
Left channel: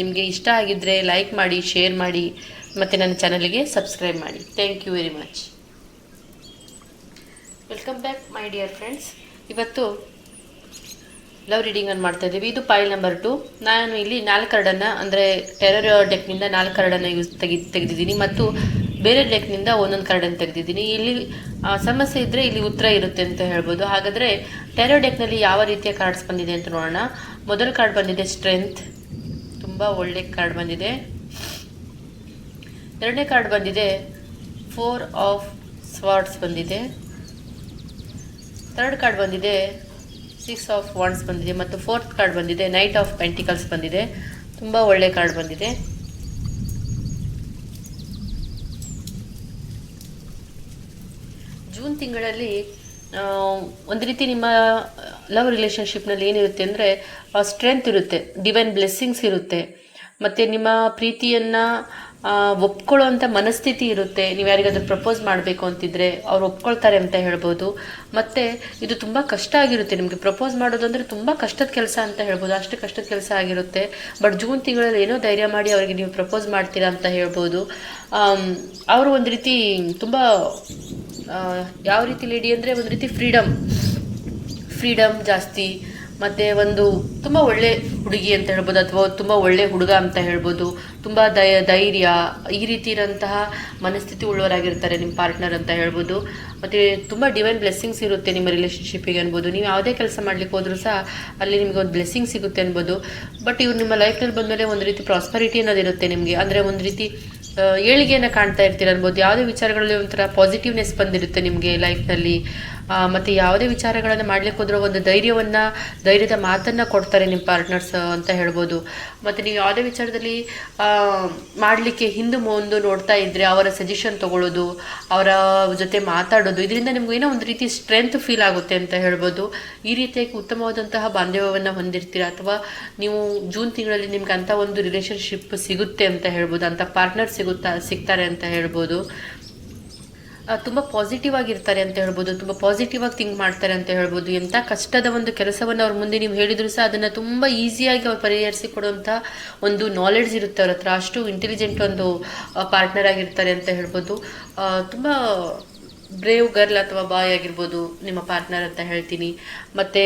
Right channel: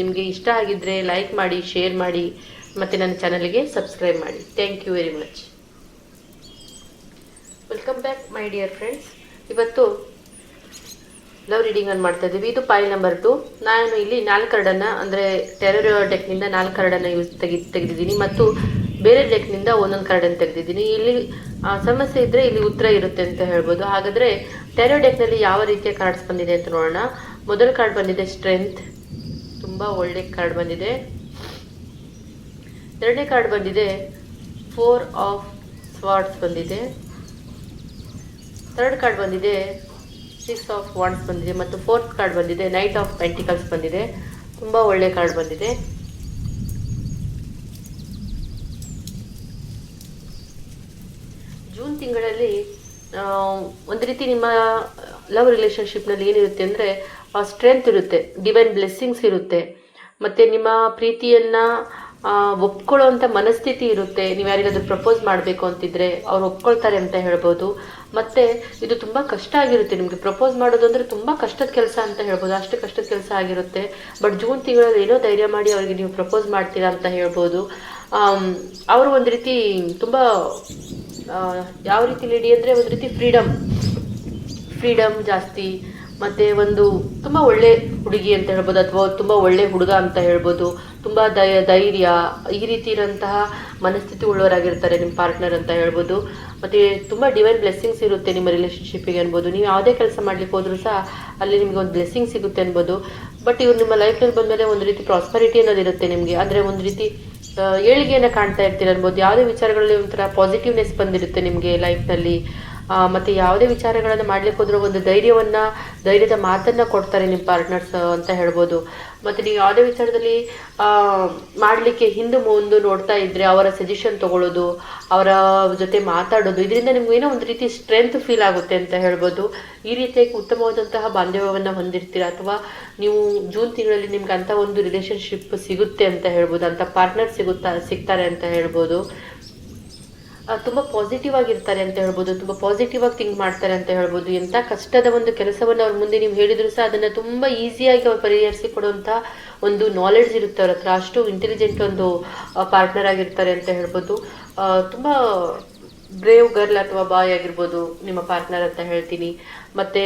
ನಿಮಗೆ ಇಷ್ಟ ಆಗಿದ್ದರೆ ಲೈಕ್ ಮಾಡಿ, ಶೇರ್ ಮಾಡಿ, ಮತ್ತು ನನ್ನ ಚಾನಲ್ಗೆ ಸಬ್ಸ್ಕ್ರೈಬ್ ಮಾಡಿ. Thank you very much. Welcome back my dear friends. ಇವತ್ತು ಲವ್ ರೀಡಿಂಗನ್ನು ಮಾಡ್ತಾ ಇದ್ದೀವಿ. ಇದು ಫೈಲ್ ನಂಬರ್ 2. ನಾನು ಇಲ್ಲಿ 4 ಕಾರ್ಡನ್ನು, ಅಂದರೆ ಟೆರರ್ ಡೆಕ್ನಿಂದ 4 ಕಾರ್ಡನ್ನು ತೆಗೆದಿದ್ದೀನಿ, ಮತ್ತು ಬೇರೆ ಡೆಕ್ನಿಂದ ಒಂದೊಂದು ಕಾರ್ಡನ್ನು ತೆಗೆದಿದ್ದೀನಿ. ಇಲ್ಲಿ ಸಮಸ್ಯೆ ಇದ್ದರೆ ಇಲ್ಲಿ ಉತ್ತರ ಇರುತ್ತೆ ಅಂತ ಹೇಳ್ಬೋದು. ಹಾಗಾದರೆ ಟೆರರ್ ಡೆಕ್ನಲ್ಲಿ ಯಾವ ರೀತಿಯ ಕಾರ್ಡ್ಸ್ ಬಂದಿದೆ ಅಂತ ನೋಡೋಣ. ಮೊದಲ ಕಾರ್ಡ್ ಬಂದಿದೆ ಸ್ಟ್ರೆಂತ್, ತುಂಬ ಒಳ್ಳೆ ಕಾರ್ಡ್ ಬಂದಿದೆ. ಎರಡನೇ ಕಾರ್ಡ್ ಬಂದಿದೆ 4 ಆಫ್ ಸ್ವಾರ್ಡ್ಸ್ ಬಂದಿದೆ. ಥರ್ಡ್ ಕಾರ್ಡ್ ಬಂದಿದೆ 6 ಆಫ್ ವಾಂಡ್ಸ್ ಬಂದಿದೆ, ಮತ್ತು ಫೋರ್ತ್ ಕಾರ್ಡ್ ಬಂದಿದೆ ನೈಟ್ ಆಫ್ ಪೆಂಟಿಕಲ್ಸ್ ಬಂದಿದೆ. ತುಂಬ ಒಳ್ಳೆ ಕಾರ್ಡ್ ಬಂದಿದೆ. ಜೂನ್ ತಿಂಗಳಲ್ಲಿ ಆ, ಒಂದು ರೀತಿ ನಿಮ್ಮ ಲವ್ ರಿಲೇಷನ್ಶಿಪ್ನಲ್ಲಿ ಏನಿರುತ್ತೆ ಅಂದರೆ ಸ್ಟ್ರೆಂತ್ ಇರುತ್ತೆ, ಡಿವೈನ್ ಬ್ಲೆಸ್ಸಿಂಗ್ಸ್ ಇರುತ್ತೆ, ಮತ್ತು ನಿಮ್ಮ ಪ್ರೀತಿಯನ್ನು ಒಪ್ಕೊಳ್ಳೋವಂಥ ಮನಸ್ಥಿತಿ ಇರುತ್ತೆ. ನೀವು ಯಾರಿಗಾದ್ರೂ ಪ್ರಪೋಸ್ ಮಾಡಬೇಕು ಅಂತಿದ್ರೆ ಅವ್ರು ಒಪ್ಕೊಳ್ತಾರೆ ಅಂತ ಹೇಳ್ಬೋದು. ಮತ್ತು ಇದು ತುಂಬ ಕಷ್ಟ ಆಗಿರುತ್ತೆ ನಿಮಗೆ ಪ್ರಪೋಸ್ ಮಾಡೋದು ಅಂದರೆ ತುಂಬ ಕಷ್ಟದ ಕೆಲಸ ಅಂತ ಹೇಳ್ಬೋದು, ಅಷ್ಟು ಕಷ್ಟದ ಕೆಲಸ ಆಗಿರುತ್ತೆ. ಬಟ್ ಜೂನ್ ತಿಂಗಳಲ್ಲಿ ಏನೋ ಧೈರ್ಯ ಮಾಡಿ ಅವರಿಗೆ ನೀವು ಪ್ರಪೋಸ್ ಮಾಡ್ತೀರಾ ಅಂತ ಹೇಳ್ಬೋದು. ಅವರು ಒಂದು ರೀತಿ ತುಂಬ ಯಾವ ರೀತಿ ಲೇಡಿ ಅಂದರೆ ಒಂದು ರೀತಿ ಫ್ರೀಡಮ್ ಜಾಸ್ತಿ, ಮತ್ತು ಒಂದು ತುಂಬ ಒಳ್ಳೆ ಹುಡುಗಿ ಅಂತ ಹೇಳ್ಬೋದು, ಅಥವಾ ತುಂಬ ಒಳ್ಳೆ ಹುಡುಗ ಅಂತ ಹೇಳ್ಬೋದು. ತುಂಬ ಧೈರ್ಯ ಈ ರೀತಿ ಇರೋಂತಹ ಮನಸ್ಥಿತಿ ಉಳ್ಳವರಾಗಿರ್ತಾರೆ ನಿಮ್ಮ ಪಾರ್ಟ್ನರ್ ಅಂತ ಹೇಳ್ಬೋದು. ಮತ್ತು ತುಂಬ ಡಿವೈನ್ ಬ್ಲೆಸ್ಸಿಂಗ್ಸ್ ಇರುತ್ತೆ ನಿಮ್ಮ ರಿಲೇಷನ್ಶಿಪ್ಪಿಗೆ ಅನ್ಬೋದು. ನೀವು ಯಾವುದೇ ಕೆಲಸ ಮಾಡ್ಲಿಕ್ಕೆ ಹೋದ್ರೂ ಸಹ ಅಲ್ಲಿ ನಿಮಗೆ ಒಂದು ಬ್ಲೆಸ್ಸಿಂಗ್ ಸಿಗುತ್ತೆ ಅನ್ಬೋದು. ಬಟ್ ಇವ್ರು ನಿಮ್ಮ ಲೈಫ್ನಲ್ಲಿ ಬಂದಮೇಲೆ ಒಂದು ರೀತಿ ಪ್ರಾಸ್ಪರಿಟಿ ಅನ್ನೋದಿರುತ್ತೆ ನಿಮಗೆ, ಅಂದರೆ ಒಂದು ರೀತಿ ಏಳಿಗೆಯನ್ನು ಕಾಣ್ತಾ ಇರ್ತೀರ ಅನ್ಬೋದು. ಯಾವುದೇ ವಿಚಾರಗಳಲ್ಲಿ ಒಂಥರ ಪಾಸಿಟಿವ್ನೆಸ್ ಬಂದಿರುತ್ತೆ ನಿಮಗೆ ಲೈಫ್ನಲ್ಲಿ. ಮತ್ತು ಯಾವುದೇ ವಿಚಾರಗಳನ್ನು ಮಾಡ್ಲಿಕ್ಕೆ ಹೋದ್ರೂ ಒಂದು ಧೈರ್ಯದ ಮಾತನ್ನು ಕೊಡ್ತಾರೆ ನಿಮ್ಮ ಪಾರ್ಟ್ನರ್ಸ್ ಅಂತ ಹೇಳ್ಬೋದು. ಮತ್ತು ನೀವು ಯಾವುದೇ ವಿಚಾರದಲ್ಲಿ ಮಾಡಲಿಕ್ಕೆ ಹಿಂದೆ ಮುಂದೆ ನೋಡ್ತಾ ಇದ್ದರೆ ಅವರ ಸಜೆಷನ್ ತೊಗೊಳ್ಳೋದು, ಅವರ ಜೊತೆ ಮಾತಾಡೋದು, ಇದರಿಂದ ನಿಮ್ಗೆ ಏನೋ ಒಂದು ರೀತಿ ಸ್ಟ್ರೆಂತ್ ಫೀಲ್ ಆಗುತ್ತೆ ಅಂತ ಹೇಳ್ಬೋದು. ಈ ರೀತಿಯಾಗಿ ಉತ್ತಮವಾದಂತಹ ಬಾಂಧವ್ಯವನ್ನು ಹೊಂದಿರ್ತೀರ, ಅಥವಾ ನೀವು ಜೂನ್ ತಿಂಗಳಲ್ಲಿ ನಿಮ್ಗೆ ಅಂಥ ಒಂದು ರಿಲೇಷನ್ಶಿಪ್ ಸಿಗುತ್ತೆ ಅಂತ ಹೇಳ್ಬೋದು, ಅಂಥ ಪಾರ್ಟ್ನರ್ ಸಿಗ್ತಾರೆ ಅಂತ ಹೇಳ್ಬೋದು. ತುಂಬ ಪಾಸಿಟಿವ್ ಆಗಿರ್ತಾರೆ ಅಂತ ಹೇಳ್ಬೋದು, ತುಂಬ ಪಾಸಿಟಿವ್ ಆಗಿ ಥಿಂಕ್ ಮಾಡ್ತಾರೆ ಅಂತ ಹೇಳ್ಬೋದು. ಎಂಥ ಕಷ್ಟದ ಒಂದು ಕೆಲಸವನ್ನು ಅವ್ರ ಮುಂದೆ ನೀವು ಹೇಳಿದ್ರು ಸಹ ಅದನ್ನು ತುಂಬ ಈಸಿಯಾಗಿ ಅವ್ರು ಪರಿಹರಿಸಿ ಕೊಡುವಂಥ ಒಂದು ನಾಲೆಡ್ಜ್ ಇರುತ್ತೆ ಅವ್ರ ಹತ್ರ. ಅಷ್ಟು ಇಂಟೆಲಿಜೆಂಟ್ ಒಂದು ಪಾರ್ಟ್ನರ್ ಆಗಿರ್ತಾರೆ ಅಂತ ಹೇಳ್ಬೋದು. ತುಂಬ ಬ್ರೇವ್ ಗರ್ಲ್ ಅಥವಾ ಬಾಯ್ ಆಗಿರ್ಬೋದು ನಿಮ್ಮ ಪಾರ್ಟ್ನರ್ ಅಂತ ಹೇಳ್ತೀನಿ. ಮತ್ತು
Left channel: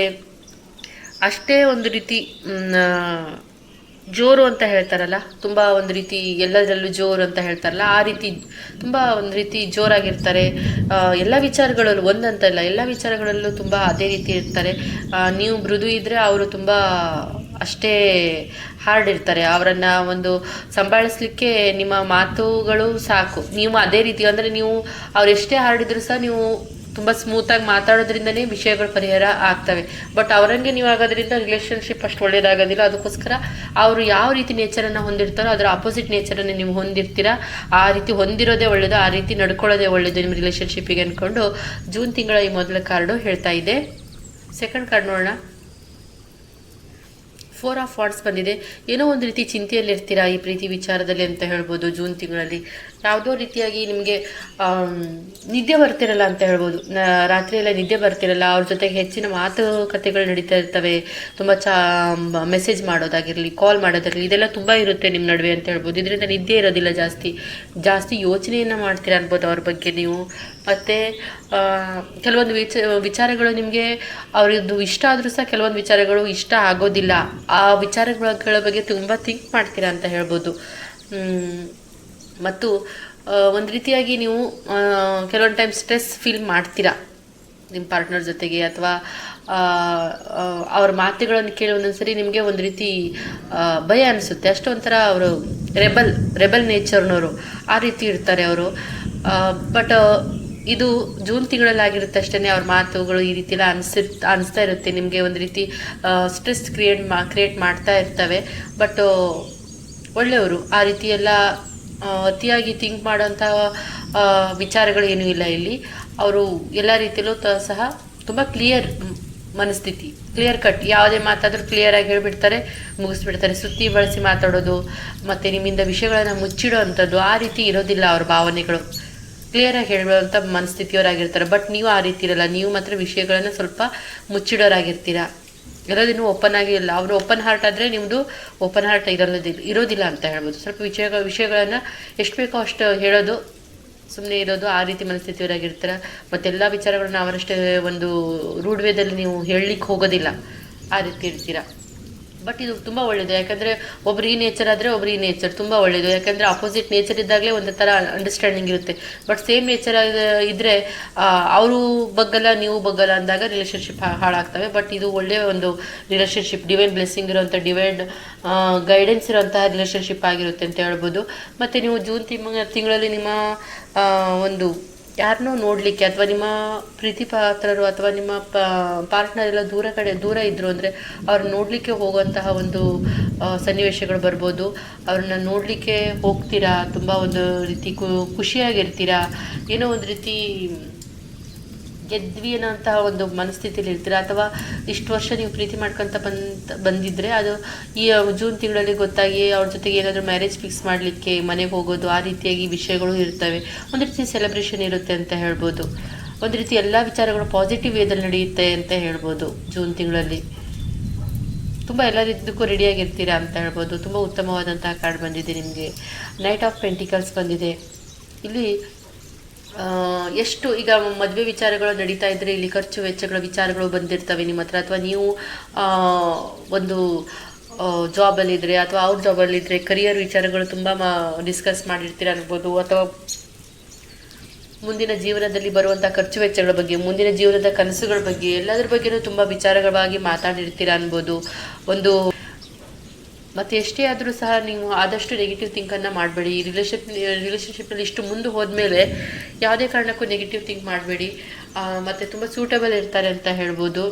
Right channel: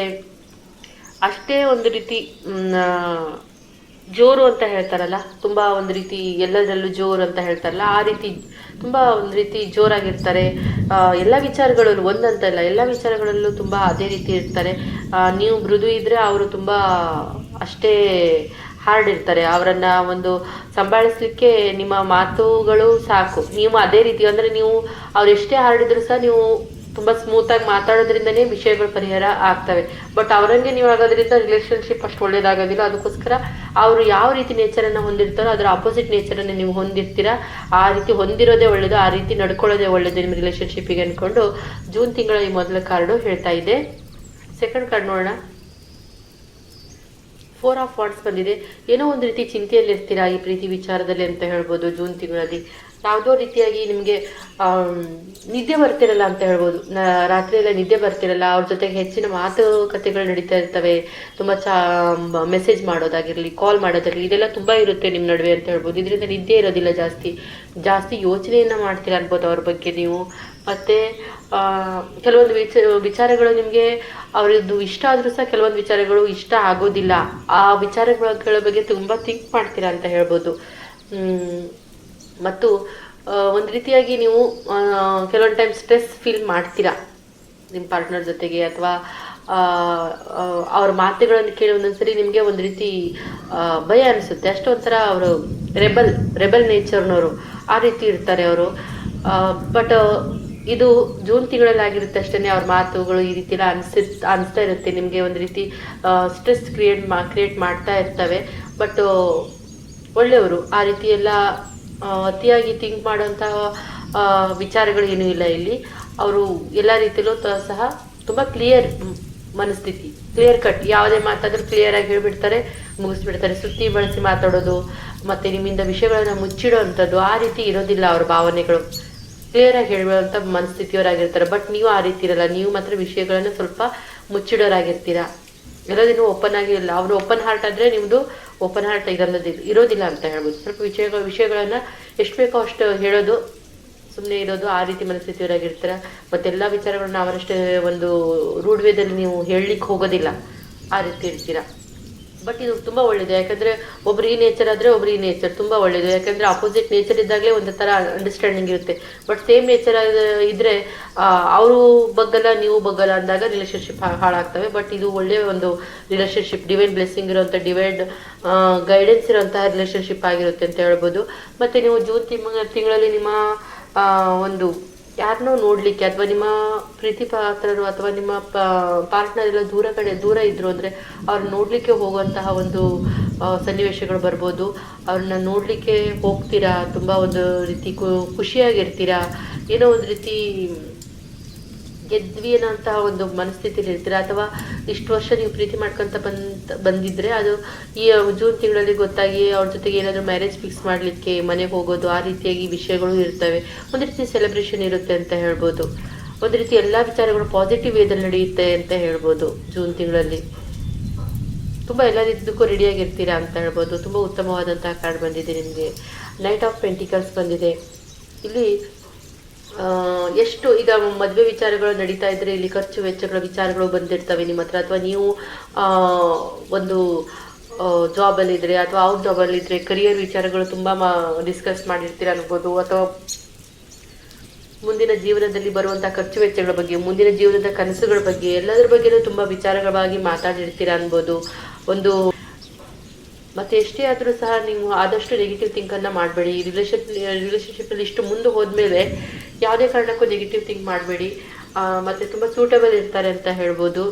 ಅಷ್ಟೇ ಒಂದು ರೀತಿ ಜೋರು ಅಂತ ಹೇಳ್ತಾರಲ್ಲ, ತುಂಬ ಒಂದು ರೀತಿ ಎಲ್ಲದರಲ್ಲೂ ಜೋರು ಅಂತ ಹೇಳ್ತಾರಲ್ಲ, ಆ ರೀತಿ ತುಂಬ ಒಂದು ರೀತಿ ಜೋರಾಗಿರ್ತಾರೆ ಎಲ್ಲ ವಿಚಾರಗಳಲ್ಲೂ. ಒಂದಂತಲ್ಲ, ಎಲ್ಲ ವಿಚಾರಗಳಲ್ಲೂ ತುಂಬ ಅದೇ ರೀತಿ ಇರ್ತಾರೆ. ನೀವು ಮೃದು ಇದ್ದರೆ ಅವರು ತುಂಬ ಅಷ್ಟೇ ಹಾರ್ಡ್ ಇರ್ತಾರೆ. ಅವರನ್ನು ಒಂದು ಸಂಭಾಳಿಸ್ಲಿಕ್ಕೆ ನಿಮ್ಮ ಮಾತುಗಳು ಸಾಕು. ನೀವು ಅದೇ ರೀತಿ ಅಂದರೆ ನೀವು ಅವ್ರು ಎಷ್ಟೇ ಹಾರ್ಡ್ ಇದ್ರೂ ಸಹ ನೀವು ತುಂಬ ಸ್ಮೂತಾಗಿ ಮಾತಾಡೋದ್ರಿಂದನೇ ವಿಷಯಗಳು ಪರಿಹಾರ ಆಗ್ತವೆ. ಬಟ್ ಅವರಂಗೆ ನೀವು ಆಗೋದ್ರಿಂದ ರಿಲೇಷನ್ಶಿಪ್ ಅಷ್ಟು ಒಳ್ಳೇದಾಗೋದಿಲ್ಲ. ಅದಕ್ಕೋಸ್ಕರ ಅವರು ಯಾವ ರೀತಿ ನೇಚರನ್ನು ಹೊಂದಿರ್ತಾರೋ ಅದರ ಆಪೋಸಿಟ್ ನೇಚರನ್ನು ನೀವು ಹೊಂದಿರ್ತೀರ. ಆ ರೀತಿ ಹೊಂದಿರೋದೇ ಒಳ್ಳೆಯದು, ಆ ರೀತಿ ನಡ್ಕೊಳ್ಳೋದೇ ಒಳ್ಳೆಯದು ನಿಮ್ಮ ರಿಲೇಷನ್ಶಿಪ್ಪಿಗೆ ಅಂದ್ಕೊಂಡು ಜೂನ್ ತಿಂಗಳ ಈ ಮೊದಲ ಕಾರ್ಡು ಹೇಳ್ತಾ ಇದೆ. ಸೆಕೆಂಡ್ ಕಾರ್ಡ್ ನೋಡೋಣ. 4 ಆಫ್ ವಾಂಡ್ಸ್ ಬಂದಿದೆ. ಏನೋ ಒಂದು ರೀತಿ ಚಿಂತೆಯಲ್ಲಿರ್ತೀರಾ ಈ ಪ್ರೀತಿ ವಿಚಾರದಲ್ಲಿ ಅಂತ ಹೇಳ್ಬೋದು. ಜೂನ್ ತಿಂಗಳಲ್ಲಿ ಯಾವುದೋ ರೀತಿಯಾಗಿ ನಿಮಗೆ ನಿದ್ದೆ ಬರ್ತಿರಲ್ಲ ಅಂತ ಹೇಳ್ಬೋದು. ರಾತ್ರಿ ಎಲ್ಲ ನಿದ್ದೆ ಬರ್ತಿರಲ್ಲ, ಅವ್ರ ಜೊತೆಗೆ ಹೆಚ್ಚಿನ ಮಾತುಕತೆಗಳು ನಡೀತಾ ಇರ್ತವೆ. ತುಂಬ ಮೆಸೇಜ್ ಮಾಡೋದಾಗಿರಲಿ, ಕಾಲ್ ಮಾಡೋದಾಗಿರಲಿ, ಇದೆಲ್ಲ ತುಂಬ ಇರುತ್ತೆ ನಿಮ್ಮ ನಡುವೆ ಅಂತ ಹೇಳ್ಬೋದು. ಇದರಿಂದ ನಿದ್ದೆ ಇರೋದಿಲ್ಲ, ಜಾಸ್ತಿ ಯೋಚನೆಯನ್ನು ಮಾಡ್ತೀರಾ ಅನ್ಬೋದು ಅವ್ರ ಬಗ್ಗೆ ನೀವು. ಮತ್ತು ಕೆಲವೊಂದು ವಿಚಾರಗಳು ನಿಮಗೆ ಅವ್ರದ್ದು ಇಷ್ಟ ಆದರೂ ಸಹ ಕೆಲವೊಂದು ವಿಚಾರಗಳು ಇಷ್ಟ ಆಗೋದಿಲ್ಲ. ಆ ವಿಚಾರಗಳ ಬಗ್ಗೆ ತುಂಬ ಥಿಂಕ್ ಮಾಡ್ತೀರಾ ಅಂತ ಹೇಳ್ಬೋದು. ಮತ್ತು ಒಂದು ರೀತಿಯಾಗಿ ನೀವು ಕೆಲವೊಂದು ಟೈಮ್ ಸ್ಟ್ರೆಸ್ ಫೀಲ್ ಮಾಡ್ತೀರಾ ನಿಮ್ಮ ಪಾರ್ಟ್ನರ್ ಜೊತೆಗೆ, ಅಥವಾ ಅವ್ರ ಮಾತುಗಳನ್ನು ಕೇಳಿ ಒಂದೊಂದ್ಸರಿ ನಿಮಗೆ ಒಂದು ರೀತಿ ಭಯ ಅನಿಸುತ್ತೆ. ಅಷ್ಟೊಂಥರ ಅವರು ರೆಬಲ್ ನೇಚರ್ನವರು, ಆ ರೀತಿ ಇರ್ತಾರೆ ಅವರು. ಬಟ್ ಇದು ಜೂನ್ ತಿಂಗಳಲ್ಲಿ ಆಗಿರುತ್ತೆ ಅಷ್ಟೇ. ಅವ್ರ ಮಾತುಗಳು ಈ ರೀತಿ ಎಲ್ಲ ಅನಿಸ್ತಾ ಇರುತ್ತೆ ನಿಮಗೆ, ಒಂದು ರೀತಿ ಸ್ಟ್ರೆಸ್ ಕ್ರಿಯೇಟ್ ಮಾಡ್ತಾ ಇರ್ತವೆ. ಬಟ್ ಒಳ್ಳೆಯವರು, ಆ ರೀತಿ ಎಲ್ಲ ಅತಿಯಾಗಿ ಥಿಂಕ್ ಮಾಡೋಂಥ ವಿಚಾರಗಳು ಏನೂ ಇಲ್ಲ ಇಲ್ಲಿ. ಅವರು ಎಲ್ಲ ರೀತಿಯಲ್ಲೂ ಸಹ ತುಂಬ ಕ್ಲಿಯರ್ ಮನಸ್ಥಿತಿ, ಕ್ಲಿಯರ್ ಕಟ್, ಯಾವುದೇ ಮಾತಾದರೂ ಕ್ಲಿಯರಾಗಿ ಹೇಳ್ಬಿಡ್ತಾರೆ, ಮುಗಿಸ್ಬಿಡ್ತಾರೆ. ಸುತ್ತಿ ಬಳಸಿ ಮಾತಾಡೋದು ಮತ್ತು ನಿಮ್ಮಿಂದ ವಿಷಯಗಳನ್ನು ಮುಚ್ಚಿಡೋ ಅಂಥದ್ದು ಆ ರೀತಿ ಇರೋದಿಲ್ಲ. ಅವ್ರ ಭಾವನೆಗಳು ಕ್ಲಿಯರಾಗಿ ಹೇಳುವಂಥ ಮನಸ್ಥಿತಿಯವರಾಗಿರ್ತಾರೆ. ಬಟ್ ನೀವು ಆ ರೀತಿ ಇರಲ್ಲ, ನೀವು ಮಾತ್ರ ವಿಷಯಗಳನ್ನು ಸ್ವಲ್ಪ ಮುಚ್ಚಿಡೋರಾಗಿರ್ತೀರ. ಇರೋದೇನು ಓಪನ್ ಆಗಿರಲ್ಲ. ಅವರು ಓಪನ್ ಹಾರ್ಟ್ ಆದರೆ ನಿಮ್ಮದು ಓಪನ್ ಹಾರ್ಟ್ ಇರೋದಿಲ್ಲ ಅಂತ ಹೇಳ್ಬೋದು. ಸ್ವಲ್ಪ ವಿಷಯಗಳನ್ನು ಎಷ್ಟು ಬೇಕೋ ಅಷ್ಟು ಹೇಳೋದು, ಸುಮ್ಮನೆ ಇರೋದು, ಆ ರೀತಿ ಮನಸ್ಥಿತಿಯವರಾಗಿರ್ತೀರ. ಮತ್ತೆಲ್ಲ ವಿಚಾರಗಳನ್ನ ಅವರಷ್ಟೇ ಒಂದು ರೂಢ್ ವೇದಲ್ಲಿ ನೀವು ಹೇಳಲಿಕ್ಕೆ ಹೋಗೋದಿಲ್ಲ, ಆ ರೀತಿ ಇರ್ತೀರ. ಬಟ್ ಇದು ತುಂಬ ಒಳ್ಳೆಯದು. ಯಾಕಂದರೆ ಒಬ್ರು ಈ ನೇಚರ್ ಆದರೆ ಒಬ್ರು ಈ ನೇಚರ್ ತುಂಬ ಒಳ್ಳೆಯದು. ಯಾಕಂದರೆ ಅಪೋಸಿಟ್ ನೇಚರ್ ಇದ್ದಾಗಲೇ ಒಂದು ಥರ ಅಂಡರ್ಸ್ಟ್ಯಾಂಡಿಂಗ್ ಇರುತ್ತೆ. ಬಟ್ ಸೇಮ್ ನೇಚರ್ ಇದ್ದರೆ ಅವರು ಬಗ್ಗಲ್ಲ ನೀವು ಬಗ್ಗಲ್ಲ ಅಂದಾಗ ರಿಲೇಷನ್ಶಿಪ್ ಹಾಳಾಗ್ತವೆ. ಬಟ್ ಇದು ಒಳ್ಳೆಯ ಒಂದು ರಿಲೇಷನ್ಶಿಪ್, ಡಿವೈನ್ ಬ್ಲೆಸ್ಸಿಂಗ್ ಇರುವಂಥ, ಡಿವೈನ್ ಗೈಡೆನ್ಸ್ ಇರುವಂತಹ ರಿಲೇಷನ್ಶಿಪ್ ಆಗಿರುತ್ತೆ ಅಂತ ಹೇಳ್ಬೋದು. ಮತ್ತು ನೀವು ಜೂನ್ ತಿಂಗಳಲ್ಲಿ ನಿಮ್ಮ ಒಂದು ಯಾರನ್ನೋ ನೋಡಲಿಕ್ಕೆ, ಅಥವಾ ನಿಮ್ಮ ಪ್ರೀತಿ ಪಾತ್ರರು ಅಥವಾ ನಿಮ್ಮ ಪಾರ್ಟ್ನರ್ ಎಲ್ಲ ದೂರ ಇದ್ರು ಅಂದರೆ ಅವ್ರನ್ನ ನೋಡಲಿಕ್ಕೆ ಹೋಗುವಂತಹ ಒಂದು ಸನ್ನಿವೇಶಗಳು ಬರ್ಬೋದು. ಅವ್ರನ್ನ ನೋಡಲಿಕ್ಕೆ ಹೋಗ್ತೀರಾ, ತುಂಬ ಒಂದು ರೀತಿ ಖುಷಿಯಾಗಿರ್ತೀರಾ. ಏನೋ ಒಂದು ರೀತಿ ಎದ್ವಿ ಅನ್ನೋಂತಹ ಒಂದು ಮನಸ್ಥಿತಿಯಲ್ಲಿ ಇರ್ತೀರ, ಅಥವಾ ಇಷ್ಟು ವರ್ಷ ನೀವು ಪ್ರೀತಿ ಮಾಡ್ಕೊತ ಬಂದಿದ್ರೆ ಅದು ಈ ಜೂನ್ ತಿಂಗಳಲ್ಲಿ ಗೊತ್ತಾಗಿ ಅವ್ರ ಜೊತೆಗೆ ಏನಾದರೂ ಮ್ಯಾರೇಜ್ ಫಿಕ್ಸ್ ಮಾಡಲಿಕ್ಕೆ ಮನೆಗೆ ಹೋಗೋದು, ಆ ರೀತಿಯಾಗಿ ವಿಷಯಗಳು ಇರ್ತವೆ. ಒಂದು ರೀತಿ ಸೆಲೆಬ್ರೇಷನ್ ಇರುತ್ತೆ ಅಂತ ಹೇಳ್ಬೋದು. ಒಂದು ರೀತಿ ಎಲ್ಲ ವಿಚಾರಗಳು ಪಾಸಿಟಿವ್ ವೇದಲ್ಲಿ ನಡೆಯುತ್ತೆ ಅಂತ ಹೇಳ್ಬೋದು. ಜೂನ್ ತಿಂಗಳಲ್ಲಿ ತುಂಬ ಎಲ್ಲ ರೀತಿಯದಕ್ಕೂ ರೆಡಿಯಾಗಿರ್ತೀರಾ ಅಂತ ಹೇಳ್ಬೋದು. ತುಂಬ ಉತ್ತಮವಾದಂತಹ ಕಾರ್ಡ್ ಬಂದಿದೆ ನಿಮಗೆ. ನೈಟ್ ಆಫ್ ಪೆಂಟಿಕಲ್ಸ್ ಬಂದಿದೆ. ಇಲ್ಲಿ ಎಷ್ಟು ಈಗ ಮದುವೆ ವಿಚಾರಗಳು ನಡೀತಾ ಇದ್ರೆ ಇಲ್ಲಿ ಖರ್ಚು ವೆಚ್ಚಗಳ ವಿಚಾರಗಳು ಬಂದಿರ್ತವೆ ನಿಮ್ಮ ಹತ್ರ, ಅಥವಾ ನೀವು ಒಂದು ಜಾಬಲ್ಲಿದ್ದರೆ ಅಥವಾ ಅವ್ರ ಜಾಬಲ್ಲಿದ್ದರೆ ಕರಿಯರ್ ವಿಚಾರಗಳು ತುಂಬ ಡಿಸ್ಕಸ್ ಮಾಡಿರ್ತೀರ ಅನ್ಬೋದು, ಅಥವಾ ಮುಂದಿನ ಜೀವನದಲ್ಲಿ ಬರುವಂಥ ಖರ್ಚು ವೆಚ್ಚಗಳ ಬಗ್ಗೆ, ಮುಂದಿನ ಜೀವನದ ಕನಸುಗಳ ಬಗ್ಗೆ ಎಲ್ಲದರ ಬಗ್ಗೆನೂ ತುಂಬ ವಿಚಾರಗಳಾಗಿ ಮಾತಾಡಿರ್ತೀರ ಅನ್ಬೋದು. ಮತ್ತು ಎಷ್ಟೇ ಆದರೂ ಸಹ ನೀವು ಆದಷ್ಟು ನೆಗೆಟಿವ್ ಥಿಂಕನ್ನು ಮಾಡಬೇಡಿ. ರಿಲೇಷನ್ಶಿಪ್ಪಲ್ಲಿ ಇಷ್ಟು ಮುಂದೆ ಹೋದ್ಮೇಲೆ ಯಾವುದೇ ಕಾರಣಕ್ಕೂ ನೆಗೆಟಿವ್ ಥಿಂಕ್ ಮಾಡಬೇಡಿ. ಮತ್ತು ತುಂಬ ಸೂಟಬಲ್ ಇರ್ತಾರೆ ಅಂತ ಹೇಳ್ಬೋದು.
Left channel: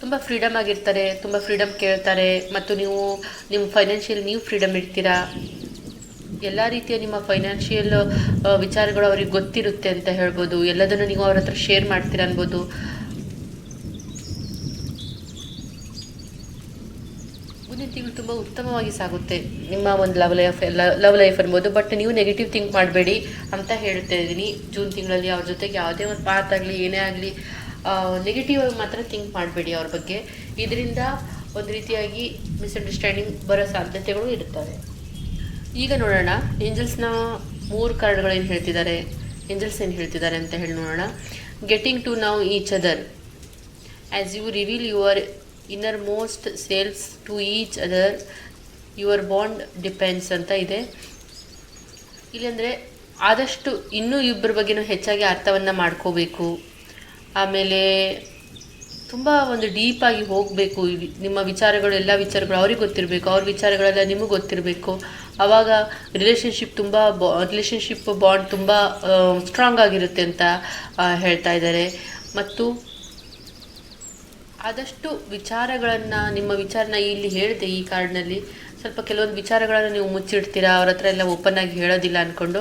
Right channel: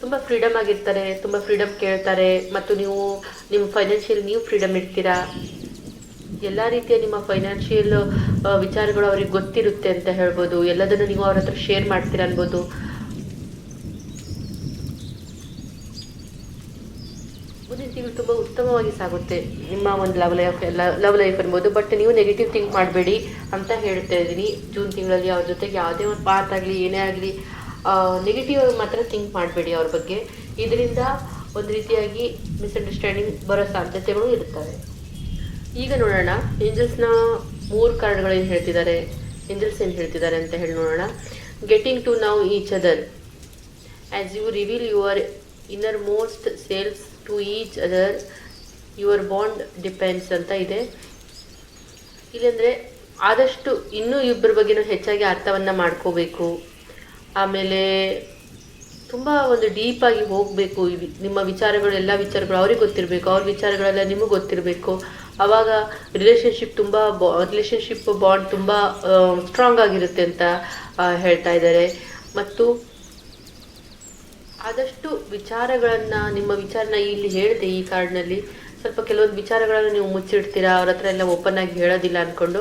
ತುಂಬ ಫ್ರೀಡಮ್ ಆಗಿರ್ತಾರೆ, ತುಂಬ ಫ್ರೀಡಮ್ ಕೇಳ್ತಾರೆ, ಮತ್ತು ನಿಮ್ಮ ಫೈನಾನ್ಷಿಯಲ್ ನೀವು ಫ್ರೀಡಮ್ ಇರ್ತೀರಾ. ಎಲ್ಲ ರೀತಿಯ ನಿಮ್ಮ ಫೈನಾನ್ಷಿಯಲ್ ವಿಚಾರಗಳು ಅವ್ರಿಗೆ ಗೊತ್ತಿರುತ್ತೆ ಅಂತ ಹೇಳ್ಬೋದು. ಎಲ್ಲದನ್ನು ನೀವು ಅವ್ರ ಹತ್ರ ಶೇರ್ ಮಾಡ್ತೀರಾ ಅನ್ಬೋದು. ಮುಂದಿನ ತಿಂಗಳು ತುಂಬ ಉತ್ತಮವಾಗಿ ಸಾಗುತ್ತೆ ನಿಮ್ಮ ಒಂದು ಲವ್ ಲೈಫ್ ಅನ್ಬೋದು. ಬಟ್ ನೀವು ನೆಗೆಟಿವ್ ಥಿಂಕ್ ಮಾಡಬೇಡಿ ಅಂತ ಹೇಳ್ತಾ ಇದ್ದೀನಿ. ಜೂನ್ ತಿಂಗಳಲ್ಲಿ ಅವ್ರ ಜೊತೆಗೆ ಯಾವುದೇ ಒಂದು ಮಾತಾಗಲಿ ಏನೇ ಆಗಲಿ ನೆಗೆಟಿವ್ ಆಗಿ ಮಾತ್ರ ಥಿಂಕ್ ಮಾಡಬೇಡಿ ಅವ್ರ ಬಗ್ಗೆ. ಇದರಿಂದ ಒಂದು ರೀತಿಯಾಗಿ ಮಿಸ್ಅಂಡರ್ಸ್ಟ್ಯಾಂಡಿಂಗ್ ಬರೋ ಸಾಧ್ಯತೆಗಳು ಇರ್ತವೆ. ಈಗ ನೋಡೋಣ ಏಂಜಲ್ಸ್ನ 3 ಕಾರ್ಡ್ಗಳು ಏನು ಹೇಳ್ತಿದ್ದಾರೆ, ಏಂಜಲ್ಸ್ ಏನು ಹೇಳ್ತಿದ್ದಾರೆ ಅಂತ ಹೇಳಿ ನೋಡೋಣ. Getting to know each other as you reveal your innermost selves to each other your bond depends ಅಂತ ಇದೆ. ಇಲ್ಲಿ ಅಂದರೆ ಆದಷ್ಟು ಇನ್ನೂ ಇಬ್ಬರ ಬಗ್ಗೆನೂ ಹೆಚ್ಚಾಗಿ ಅರ್ಥವನ್ನು ಮಾಡ್ಕೋಬೇಕು. ಆಮೇಲೆ ತುಂಬ ಒಂದು ಡೀಪಾಗಿ ಹೋಗಬೇಕು. ನಿಮ್ಮ ವಿಚಾರಗಳು ಎಲ್ಲ ವಿಚಾರಗಳು ಅವ್ರಿಗೆ ಗೊತ್ತಿರಬೇಕು, ಅವ್ರ ವಿಚಾರಗಳೆಲ್ಲ ನಿಮಗೆ ಗೊತ್ತಿರಬೇಕು. ಆವಾಗ ರಿಲೇಷನ್ಶಿಪ್ ಬಾಂಡ್ ತುಂಬ ಸ್ಟ್ರಾಂಗ್ ಆಗಿರುತ್ತೆ ಅಂತ ಹೇಳ್ತಾ ಇದ್ದಾರೆ. ಮತ್ತು ಆದಷ್ಟು ವಿಚಾರಗಳನ್ನು ನಿಮ್ಮ ವಿಚಾರನ ಇಲ್ಲಿ ಹೇಳಿದೆ ಈ ಕಾರ್ಡ್ನಲ್ಲಿ. ಸ್ವಲ್ಪ ಕೆಲವೊಂದು ವಿಚಾರಗಳನ್ನು ನೀವು ಮುಚ್ಚಿಡ್ತೀರಾ, ಅವ್ರ ಹತ್ರ ಎಲ್ಲ ಓಪನ್ ಆಗಿ ಹೇಳೋದಿಲ್ಲ ಅಂದ್ಕೊಂಡು.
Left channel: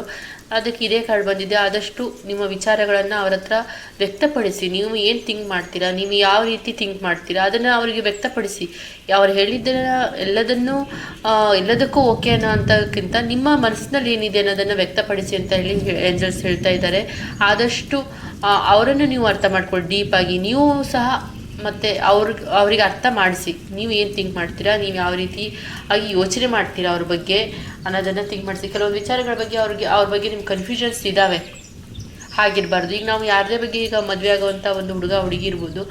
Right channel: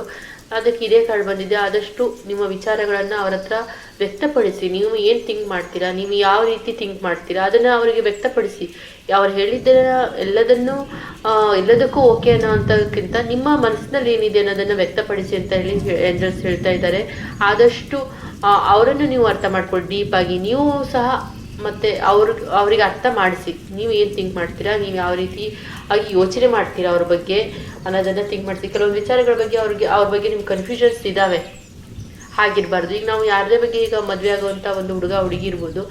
ಅದಕ್ಕೆ ಇದೇ ಕಾರ್ಡ್ ಬಂದಿದೆ. ಆದಷ್ಟು ನಿಮ್ಮ ವಿಚಾರಗಳನ್ನು ಅವ್ರ ಹತ್ರ ವ್ಯಕ್ತಪಡಿಸಿ. ನೀವು ಏನು ಥಿಂಕ್ ಮಾಡ್ತೀರಾ, ನೀವು ಯಾವ ರೀತಿ ಥಿಂಕ್ ಮಾಡ್ತೀರಾ ಅದನ್ನು ಅವರಿಗೆ ವ್ಯಕ್ತಪಡಿಸಿ. ಅವ್ರು ಹೇಳಿದ್ದ ಎಲ್ಲದಕ್ಕೂ ಓಕೆ ಅನ್ನೋ ಅಂಥಕ್ಕಿಂತ ನಿಮ್ಮ ಮನಸ್ಸಿನಲ್ಲಿ ಏನಿದೆ ಅನ್ನೋದನ್ನು ವ್ಯಕ್ತಪಡಿಸಿ ಅಂತ ಹೇಳಿ ಏಂಜಲ್ಸ್ ಹೇಳ್ತಾ ಇದ್ದಾರೆ. ಆದಷ್ಟು ಅವರನ್ನು ನೀವು ಅರ್ಥ ಮಾಡ್ಕೊಳ್ಳಿ ಡೀಪಾಗಿ. ನೀವು ಸಹ ಮತ್ತು ಅವ್ರಿಗೆ ಅರ್ಥ ಮಾಡಿಸಿ. ನೀವು ಏನು ಥಿಂಕ್ ಮಾಡ್ತೀರಾ, ನೀವು ಯಾವ ರೀತಿ ಆಗಿ ಯೋಚನೆ ಮಾಡ್ತೀರಾ ಅವ್ರ ಬಗ್ಗೆ ಅನ್ನೋದನ್ನು ಥಿಂಕ್ ಮಾಡಿಸಿ. ಕೆಲವೊಂದು ವಿಚಾರಗಳ ಬಗ್ಗೆ ಅವ್ರ ಬಗ್ಗೆ ನಿಮ್ಮ ಕನ್ಫ್ಯೂಷನ್ಸ್ ಇದ್ದಾವೆ, ಹಾಗಿರಬಾರ್ದು. ಈಗ ನಾವು ಯಾರದೇ ಬಗ್ಗೆ ಈಗ ಮದುವೆ ಆಗುವಂಥ ಒಂದು ಹುಡುಗಿ ಇರ್ಬೋದು,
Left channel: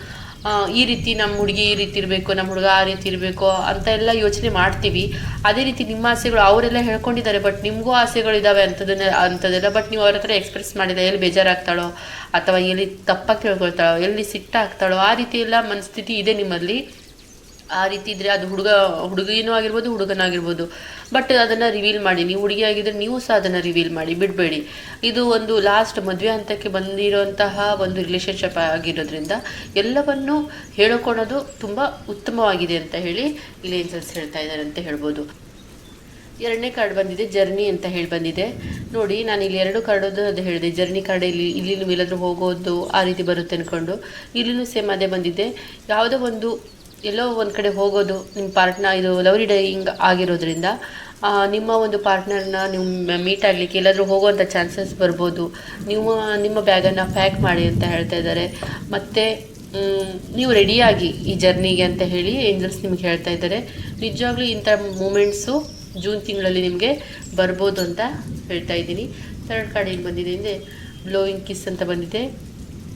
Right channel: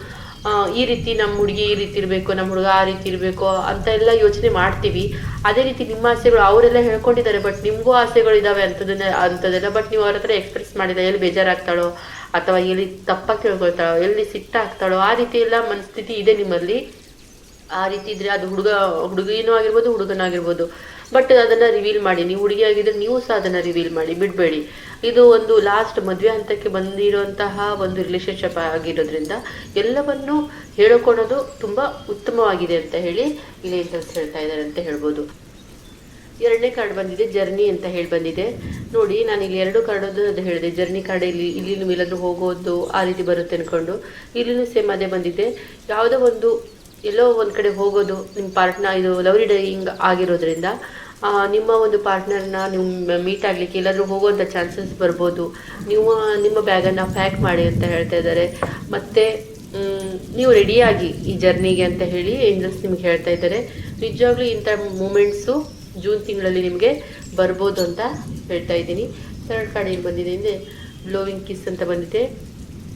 ಈ ರೀತಿ ನಮ್ಮ ಹುಡುಗಿ ಈ ರೀತಿ ಇರಬೇಕು, ನಮ್ಮ ಹುಡುಗ ಆ ರೀತಿ ಇರಬೇಕು ಅಂತ ಎಲ್ಲ ಯೋಚನೆ ಮಾಡ್ತೀವಿ. ಅದೇ ರೀತಿ ನಿಮ್ಮ ಆಸೆಗಳು ಅವರೆಲ್ಲ ಹೇಳ್ಕೊಂಡಿದ್ದಾರೆ, ಬಟ್ ನಿಮಗೂ ಆಸೆಗಳು ಇದ್ದಾವೆ ಅಂಥದ್ದೆಲ್ಲ. ಬಟ್ ನೀವು ಅವ್ರ ಹತ್ರ ಎಕ್ಸ್ಪ್ರೆಸ್ ಮಾಡಿದ ಎಲ್ಲಿ ಬೇಜಾರಾಗ್ತಾಳೋ ಅಥವಾ ಎಲ್ಲಿ ತಪ್ಪಾಗಿ ಕೇಳ್ಕೊಳ್ತಾಳೋ, ಎಲ್ಲಿ ಸಿಟ್ಟಾಗ್ತಾಳೋ ಆ ರೀತಿ ಎಲ್ಲ ಮನಸ್ಥಿತಿ ಇದೆ ನಿಮ್ಮಲ್ಲಿ. ಆ ರೀತಿ ಇದ್ರೆ ಅದು ಹುಡುಗಿನೂ ಆಗಿರ್ಬೋದು, ಹುಡುಗನಾಗಿರ್ಬೋದು. ಬಟ್ ಅದನ್ನು ರಿವೀಲ್ ಮಾಡಿ. ನೀವು ಹುಡುಗಿ ಆಗಿದ್ರೆ ನೀವು ಸಹ ಅದನ್ನು ರಿವೀಲ್ ಮಾಡಿ, ಬಿಡಬೇಡಿ. ಇದು ಒಂದು ಲಾಸ್ಟ್ ಮದುವೆ ಹಂತಕ್ಕೆ ಬಂದಿರೋಂತಹ ಒಂದು ರಿಲೇಷನ್ಶಿಪ್ ಆಗಿರೋದ್ರಿಂದ ಎಲ್ಲವನ್ನು ಹೇಳಿಕೊಳ್ಳೋದು ತುಂಬ ಉತ್ತಮವಾಗಿದೆ ಅಂತ ಹೇಳಿ ಇಲ್ಲಿ ಏಂಜಲ್ಸ್ ಹೇಳ್ತಾ ಇದ್ದಾರೆ ಅಂತ ಹೇಳ್ಬೋದು. 2ನೇ ಕಾರ್ಡ್ ಬಂದಿದೆ, ಜರ್ನಿ ಅಂತ ಹೇಳಿ ಬಂದಿದೆ. ನೋಡಿ, ನಾನು ಇಲ್ಲಿ 2 ಕಾರ್ಡ್ ಅದು ಹೇಳಿದೆ. ಜರ್ನಿ ಕಾರ್ಡ್ ಇಲ್ಲಿ ಇಲ್ಲಾದ್ರೂ ಹೋಗೋದು ಆ ರೀತಿ ಬರುತ್ತೆ ಅಂದ್ಕೊಂಡು, ಇಲ್ಲಿನೂ ಸೇಮ್ ಅದೇ ಬಂದಿದೆ. ಯಾವುದೋ ಎಲ್ಲೋ ಒಂದು ಕಡೆ ಹೋಗೋದು, ನಿಮ್ಮ ಪಾರ್ಟ್ನರ್, ಇದು ಲವ್ ರೀಡಿಂಗ್ ಆಗಿರೋದ್ರಿಂದ ನಿಮ್ಮ ಒಂದು ಪಾರ್ಟ್ನರ್ನ ನಿಮ್ಮ ಮೀಟ್ ಆಗಲಿಕ್ಕೆ ಎಲ್ಲಾದರೂ ಹೋಗುವಂಥ ಚಾನ್ಸಸ್ ಬರ್ಬೋದು. ನಿಮ್ಮ ಬ್ಯಾಗನ್ನು ಪ್ಯಾಕ್ ಮಾಡಿ ಅಂತ ಹೇಳ್ತಾ ಇದ್ದಾರೆ. ಮತ್ತು ನೀವು ರೆಡಿಯಾಗಿ ಈ ಜರ್ನಿಗೆ ಅಂತ ಹೇಳಿ ಏಂಜಲ್ಸ್ ನಿಮಗೆ ಹೇಳ್ತಾ ಇದ್ದಾರೆ. ನಿಜವಾಗ್ಲೂ ಇಂಥ ಮೂಮೆಂಟ್ಸು ಜೂನ್ ತಿಂಗಳಲ್ಲಿ ನಿಮಗೆ ಬರ್ಬೋದು ಅಂತ ಹೇಳ್ತಾ ಇದ್ದೀನಿ. 2 ಕಾರ್ಡ್ ಏನು ಬಂದಿದೆ ಅಂದರೆ ಬ್ಲೋಯಿಂಗ್ ಕಿಸ್ ಅಂತ ಬಂದಿದೆ.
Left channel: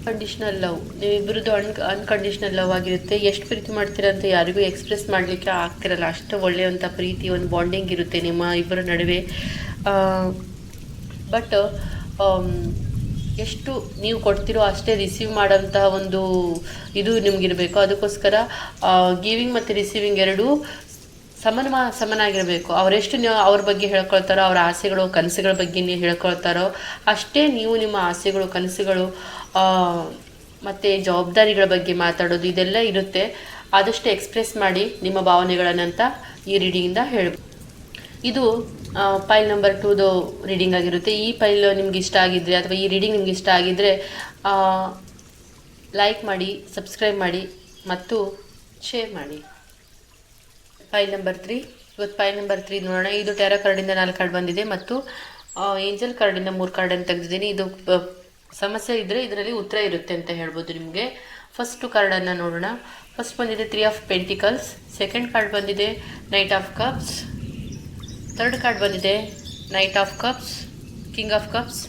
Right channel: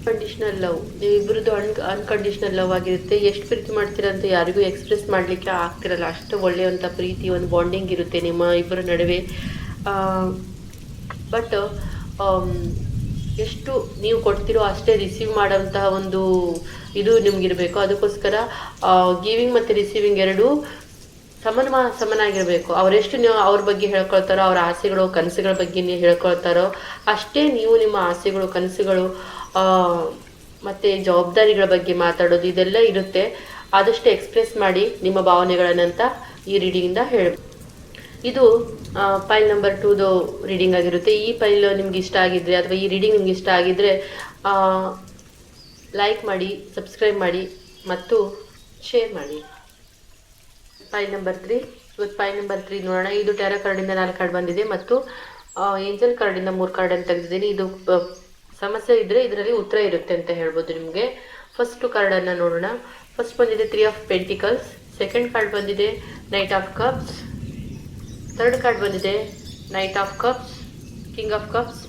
ಅನ್ಕಂಡೀಷ್ನಲ್ ಲವ್, ನೀವಿಬ್ಬರದ್ದು ಅನ್ಕಂಡೀಷ್ನಲ್ ಲವ್ ಆಗಿರುತ್ತೆ. ಎಷ್ಟು ಪ್ರೀತಿ ಮಾಡ್ತೀರಾ ಅಂತ ಯಾರಿಗೂ ಎಕ್ಸ್ಪ್ರೆಸ್ ಮಾಡಲಿಕ್ಕೆ ಆಗ್ತಿರಲ್ಲ, ಅಷ್ಟು ಒಳ್ಳೆಯಂಥ ಪ್ರೀತಿ, ಒಂದು ಬಾಂಡಿಂಗ್ ಇರುತ್ತೆ ನಿಮ್ಮ ಇಬ್ಬರ ನಡುವೆ. ಬಟ್ ಎಷ್ಟು ನೀವು ಕೊಡ್ತಿರೋ ಅಷ್ಟೇ ರಿಸೀವ್ ಮಾಡೋಂತಹ ಒಂದು ಇದು ನಿಮಗಿರಬೇಕು. ಅದಕ್ಕೋಸ್ಕರ ಗಿವಿಂಗ್ ಮತ್ತು ರಿಸೀವಿಂಗ್ ಎರಡೂ ಸಮನಾಗಿರಬೇಕು. ಅವರೆಷ್ಟು ನೀವು ಅವ್ರ ಬಗ್ಗೆ ಹೇಳ್ಕೊಳ್ತಾರೋ, ಅವ್ರ ಆಸೆಗಳು ಕನಸುಗಳ ಬಗ್ಗೆ ನೀವು ಹೇಳ್ಕೊಳ್ತಾರೋ ಅಷ್ಟೇ ನೀವು ನಿಮ್ಮ ಆಸೆಗಳು ಕನಸುಗಳು ಮತ್ತು ಜವಾಬ್ದಾರಿಗಳ ಬಗ್ಗೆ ಮಾತಾಡೋದು ಇದೆಲ್ಲ ಇರುತ್ತೆ. ಆದಷ್ಟು ಎಕ್ಸ್ಪ್ರೆಸ್ ಮಾಡಿ ನಿಮ್ಮ ಭಾವನೆಗಳನ್ನಂತ ಈ ರೀಡಿಂಗಿಂದ ಹೇಳ್ಬೋದು. ಇದು ಫೈಲ್ ನಂಬರ್ 2ದು ರೀಡಿಂಗ್ ಆಗಿರುತ್ತೆ. ಈ ಫೈಲ್ ನಿಮ್ಗೆ ಇಷ್ಟ ಆಗಿದ್ರೆ ಅಥವಾ ಈ ರೀಡಿಂಗ್ ನಿಮ್ಗೆ ಇಷ್ಟ ಆಗಿದ್ರೆ ಲೈಕ್ ಮಾಡಿ, ಸಬ್ಸ್ಕ್ರೈಬ್ ಮಾಡಿ ಮತ್ತು ಶೇರ್ ಮಾಡಿ. File number 3. ಇವತ್ತು ಫೈಲ್ ನಂಬರ್ 3 ನೋಡೋಣ. ಇದು ಟೆರಾ ಕಾರ್ಡಿಂದ 4 ಕಾರ್ಡ್ ಬಂದಿದೆ ಮತ್ತು ಏಂಜಲ್ ಕಾರ್ಡಿಂದ 3 ಕಾರ್ಡನ್ನು ತೆಗೆದಿದ್ದೀನಿ. ಇದು ಸಮಸ್ಯೆ ಇದ್ದರೆ ಇದರಲ್ಲಿ ಉತ್ತರ ಇರುತ್ತೆ ಅಂತ ಹೇಳ್ಬೋದು ನಿಮಗೆ. ಫಸ್ಟ್ ಕಾರ್ಡನ್ನು ನೋಡೋಣ. ಫಸ್ಟ್ ಬಂದಿದೆ 3 ಆಫ್ ಪೆಂಟಿಕಲ್ಸ್. ಸೆಕೆಂಡ್ ಕಾರ್ಡ್ ಬಂದಿದೆ knight of cups. Third card ಬಂದಿದೆ knight of cups, king of cups.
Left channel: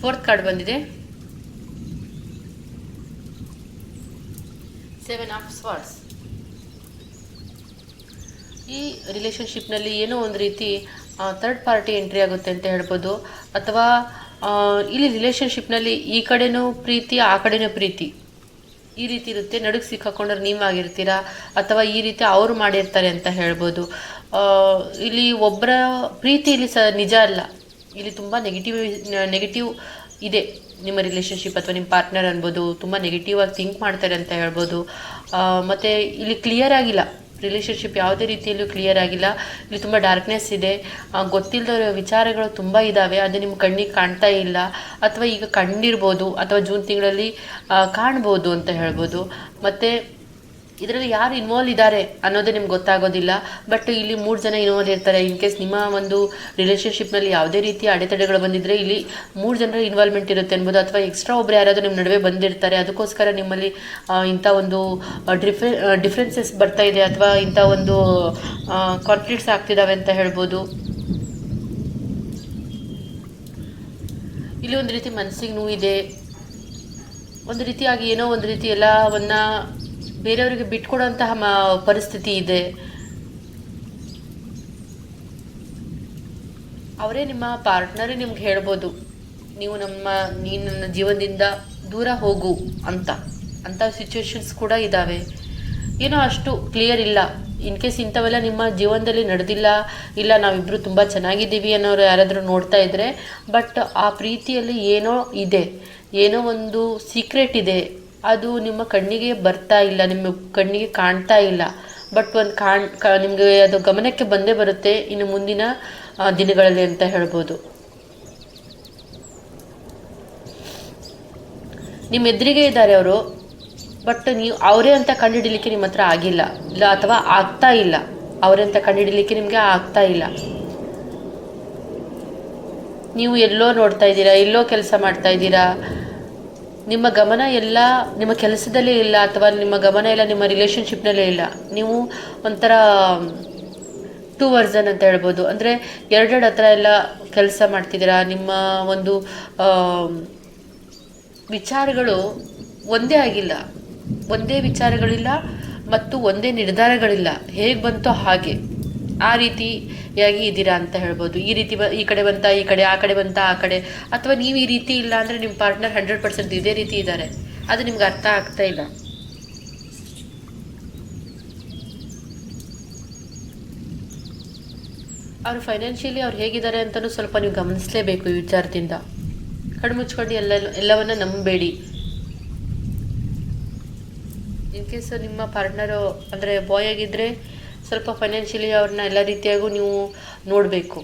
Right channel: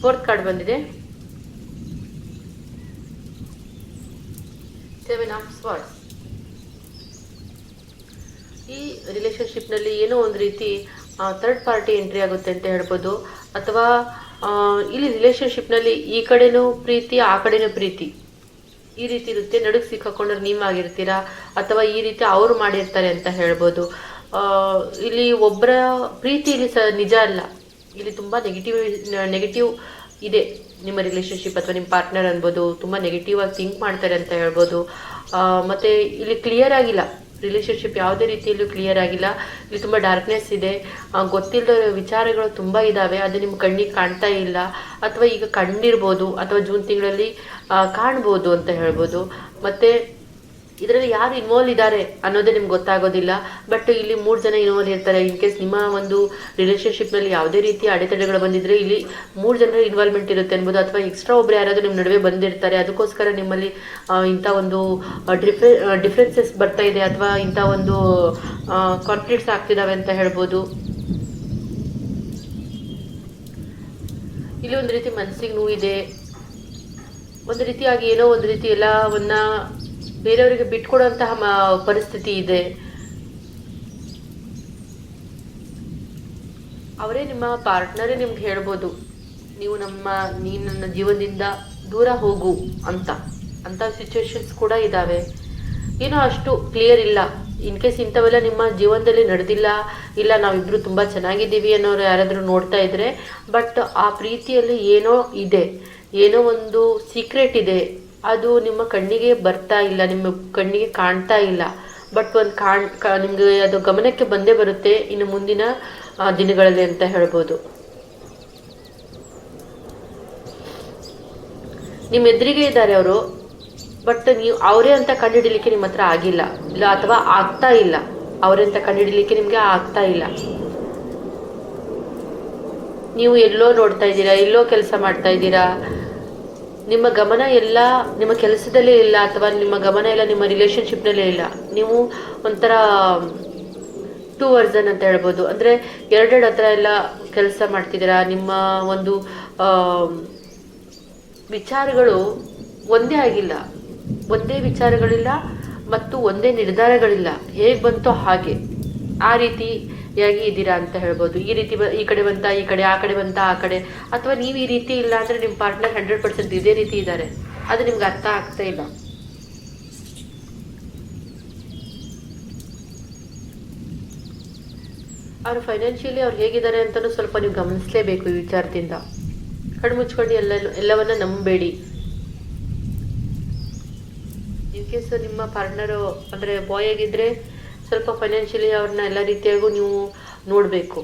Fourth card ಬಂದಿದೆ 7 ಆಫ್ ಸ್ವಾರ್ಡ್ಸ್. ಈ ರಿಲೇಶನ್ಶಿಪ್ನಲ್ಲಿ ಏನೋ ಒಂದು ರೀತಿ ಥರ್ಡ್ ಪಾರ್ಟಿ ಎಂಟ್ರಿ ಆಗುತ್ತೆ ಅಂತ ಹೇಳ್ಬೋದು. ಅಥವಾ ಇಲ್ಲಿ ರಿಲೇಶನ್ಶಿಪ್ನಲ್ಲಿ ಈ ಕಡೆನೂ ಪ್ರೀತಿ, ಆ ಕಡೆನೂ ಪ್ರೀತಿ, ಈ ರೀತಿ ಇರುತ್ತೆ. ನಡುಗೆ ಸಿಕ್ಕಾಕೊಂಡ್ರೆ ನೀವಾಗಿರ್ತೀರಾ ಅಥವಾ ಈ ರೀತಿ ಅವರು ಮಾಡಿರ್ತಾರೆ ಅಂತ ಹೇಳ್ಬೋದು. ಇಲ್ಲಿ ಒಬ್ಬರ ಪ್ರೀತಿ ಇಲ್ಲಿ ನಿಜ ಅಲ್ಲ. ಇಲ್ಲಿ ತುಂಬ ನೆಗೆಟಿವ್ ಇದೆ. ನಿಮ್ಮ ರಿಲೇಶನ್ಶಿಪ್ ಅಥವಾ ನಿಮ್ಮ ಪಾರ್ಟ್ನರ್ ಅನ್ಬೋದು ತುಂಬ ನೆಗೆಟಿವ್ ಆಗಿ ಥಿಂಕ್ ಮಾಡ್ತಾರೆ ಅಂತ ಹೇಳ್ಬೋದು. ಮತ್ತು ಇಲ್ಲಿ ಕ್ಲಿಯರ್ ಆಗಿಲ್ಲ, ರಿಲೇಶನ್ಶಿಪ್ ಯಾವುದೇ ರೀತಿಯಲ್ಲೂ ಕ್ಲಿಯರ್ ಆಗಿಲ್ಲ. ಇಲ್ಲಿ ತುಂಬ ಡಾರ್ಕ್ನೆಸ್ ಇದೆ. ಗೊತ್ತಿಲ್ಲದ ವಿಚಾರಗಳು ತುಂಬ ಇದ್ದಾವೆ. ಅದು ನಿಮ್ಮ ಕಣ್ಣಿಗೆ ಕಾಣ್ತಾ ಇಲ್ಲ ಅಥವಾ ಈಗ ಕಂಡಿರ್ಬೋದು ಅಥವಾ ಜೂನ್ ತಿಂಗಳಲ್ಲಿ ಕಾಣ್ಬೋದು ಅಂತ ಹೇಳ್ಬೋದು. ಮತ್ತು ಇದರಲ್ಲಿ ಯಾರು ಇನ್ವಾಲ್ವ್ ಇದ್ದಾರೆ ಅನ್ನೋದೇ ನಿಮ್ಗೆ ಗೊತ್ತಾಗೋದಿಲ್ಲ. ಬಟ್ ಇಲ್ಲಿ 3 ಜನ ಇನ್ವಾಲ್ವ್ ಇರ್ತಾರೆ. ಇನ್ ಕೇಸ್ ನಿಮ್ಮ ಒಂದು ರಿಲೇಶನ್ಶಿಪ್ನಲ್ಲಿ ಯಾವುದೇ ರೀತಿಯ ಅಡೆತಡೆಗಳು ಬಂದಿದ್ರೆ ಇಲ್ಲಿ 3 ಜನರ ಇನ್ವಾಲ್ವ್ಮೆಂಟ್ ಇರುತ್ತೆ ಅನ್ಬೋದು. ಅಥವಾ ಎಕ್ಸ್ಟ್ರಾ ಒಬ್ಬರು ಯಾರಾದರೂ ನಿಮ್ಮ ನಡುವೆ ಬಂದಿರ್ತಾರೆ. ಅದಕ್ಕೋಸ್ಕರ ನಿಮ್ಮಲ್ಲಿ ಇಂಥ ಒಂದು ಡಿಫ್ರೆನ್ಸಸ್ ಬರ್ತಾ ಇದೆ ಅಥವಾ ಇಂಥ ಒಂದು ಕಾನ್ಫ್ಲಿಕ್ಟ್ಸ್ ಆಗ್ತಿದ್ದಾವೆ ಅಂತ ಹೇಳ್ಬೋದು. ಇಲ್ಲಿ ಒಂದು ರೀತಿ ಮನಸ್ಸಿಗೆ ನೋವಿದೆ. ಒಂದು ರೀತಿಯಾಗಿ ಏನೋ ಒಂದು ರೀತಿ ಎಲ್ಲವನ್ನ ಬೇರೆಯವರಿಗೆ ಬಿಟ್ಕೊಡುವಂತಹ ಪರಿಸ್ಥಿತಿ ಇದೆ. ಅವರೇ ನಿಮ್ಮ ಪಾರ್ಟ್ನರೇ ನಿಮ್ಗೆ ಹೇಳ್ಬೋದು, ನೀನು ನನ್ನ ಜೀವನದಿಂದ ದೂರ ಹೋಗು ಅಂತ ಸಿಚುವೇಶನ್ಸ್ ಕೂಡ ಇದ್ದಾವೆ. ಏನೋ ಅಷ್ಟು ಕ್ಲಿಯರ್ ಇಲ್ಲ. ಇನ್ ಕೇಸ್ ಇಂಥವೆಲ್ಲ ನಿಮ್ಮ ಜೀವನದಲ್ಲಿ ನಡೆದಿಲ್ಲ, ಇಲ್ಲ ನಾವಿಬ್ರು ತುಂಬ ಚೆನ್ನಾಗಿದ್ದೀವಿ ಅನ್ನೋರು ಯಾರಾದರೂ ನೋಡ್ತಾ ಇದ್ರೆ, ಬಟ್ ಆ ಪ್ರೀತಿಯಲ್ಲಿ ಏನೋ ಇದೆ, ಏನೋ ಒಂದು ಸೀಕ್ರೆಟ್ ಇದೆ. ಅದು ನಿಮ್ಮ ಕಣ್ಣಿಗೆ ಬರ್ತಾ ಇಲ್ಲ, ನಿಮ್ಮ ಕಣ್ಣಿಗೆ ಕಾಣ್ತಾ ಇಲ್ಲ. ಬಟ್ ಒಂದು ನಿಮಗೆ ಅದು ಗಮನಕ್ಕೆ ಬಂದೇ ಬರುತ್ತೆ ಇನ್ನು ಮುಂದಿನ ದಿನಗಳಲ್ಲಿ ಅಂತ ಹೇಳ್ಬೋದು. ನಿಮ್ಮ ಎದುರಿಗೆ ಇದ್ದಾರೆ ಅವರು, ಬಟ್ ನೀವು ಅವರೇ ಅಂತ ಕಂಡುಹಿಡಲಿಕ್ಕೆ ನಿಮ್ಮ ಹತ್ರ ಆಗಿಲ್ಲ, ಇಲ್ಲ ಅಥವಾ ಆಗ್ತಾ ಇಲ್ಲ. ಅವರೇ ಅಂತ ಕಂಡುಹಿಡಲಿಕ್ಕೆ ನಿಮಗೆ ಆಗ್ತಾ ಇಲ್ಲ. ನೀವು ಎಲ್ಲೋ ನೋಡ್ತಾ ಇದ್ದೀರಾ, ಎಲ್ಲೋ ಕೆಲಸ ಮಾಡ್ತಾ ಇದ್ದೀರಾ. ನಿಮ್ಮ ಗಮನ ಎಲ್ಲ ನಿಮ್ಮ ಕೆಲಸದಲ್ಲೇ ಇಲ್ಲ ಅಥವಾ ನಿಮ್ಮ ಗಮನ ಎಲ್ಲ ನಿಮ್ಮ ರಿಲೇಶನ್ಶಿಪ್ನಲ್ಲೇ ಇಲ್ಲ. ನೀವು ಒಂಥರ 2 ವರ್ಸನ್ ಅಂತ ಹೇಳ್ಬೋದು. ಅಂದರೆ ಎರಡೆರಡು ಹತ್ರ ಎಲ್ಲ ಕೆಲಸ ಮಾಡ್ತಿದ್ದೀರಾ. ನಿಮ್ಮ ಒಂದು ವಿಚಾರಗಳು ಒಂದೇ ಆಗಿಲ್ಲ, ಒಂದೇ ವಿಚಾರಗಳಿಲ್ಲ ಮತ್ತು ಒಂದೇ ನಿರ್ಧಾರಗಳಿಲ್ಲ. ಹೇಗೆ ಬಂತೋ ಹಾಗೆ ಆ ರೀತಿಯಾಗಿ ಇದ್ದೀರಾ ಅಂತ ಹೇಳ್ಬೋದು. ಈ ರೀತಿ ಈ ಕಡೆ ಬಂತ ಈ ಕಡೆ, ಆ ಕಡೆ ಬಂತ ಆ ಕಡೆ. ಅಥವಾ ನೀವು ಈ ರೀತಿ ಇಲ್ಲ ಅಂದರೆ ನಿಮ್ಮ ಪಾರ್ಟ್ನರ್ 100% ಇದೇ ರೀತಿ ಇದ್ದಾರೆ. ಅದು ನಿಮ್ಗೆ ಅರ್ಥ ಆಗ್ತಾ ಇಲ್ಲ. ಅವ್ರು ಫೈನಾನ್ಷಿಯಲಿ ಅವ್ರು ಹೇಗಿದ್ದಾರೆ ಅಂತಲೂ ಸ್ವಲ್ಪ ನೀವು ಗಮನಿಸಲೇಬೇಕು. ಈ ವಿಚಾರದಿಂದ ಕಣ್ಮುಚ್ಕೊಂಡು ಎಲ್ಲವನ್ನ ನಂಬಬೇಡಿ. ಇನ್ ಕೇಸ್ ನಿಮ್ಮ ಪಾರ್ಟ್ನರು ಅಂದರೆ ಬಾಯ್ ಆಗಿದ್ದರೆ ಸ್ವಲ್ಪ ಫೈನಾನ್ಷಿಯಲಿ ಅವ್ರನ್ನ ಎಲ್ಲ ರೀತಿಯಾಗೂ ನೀವು ನೋಡಬೇಕು.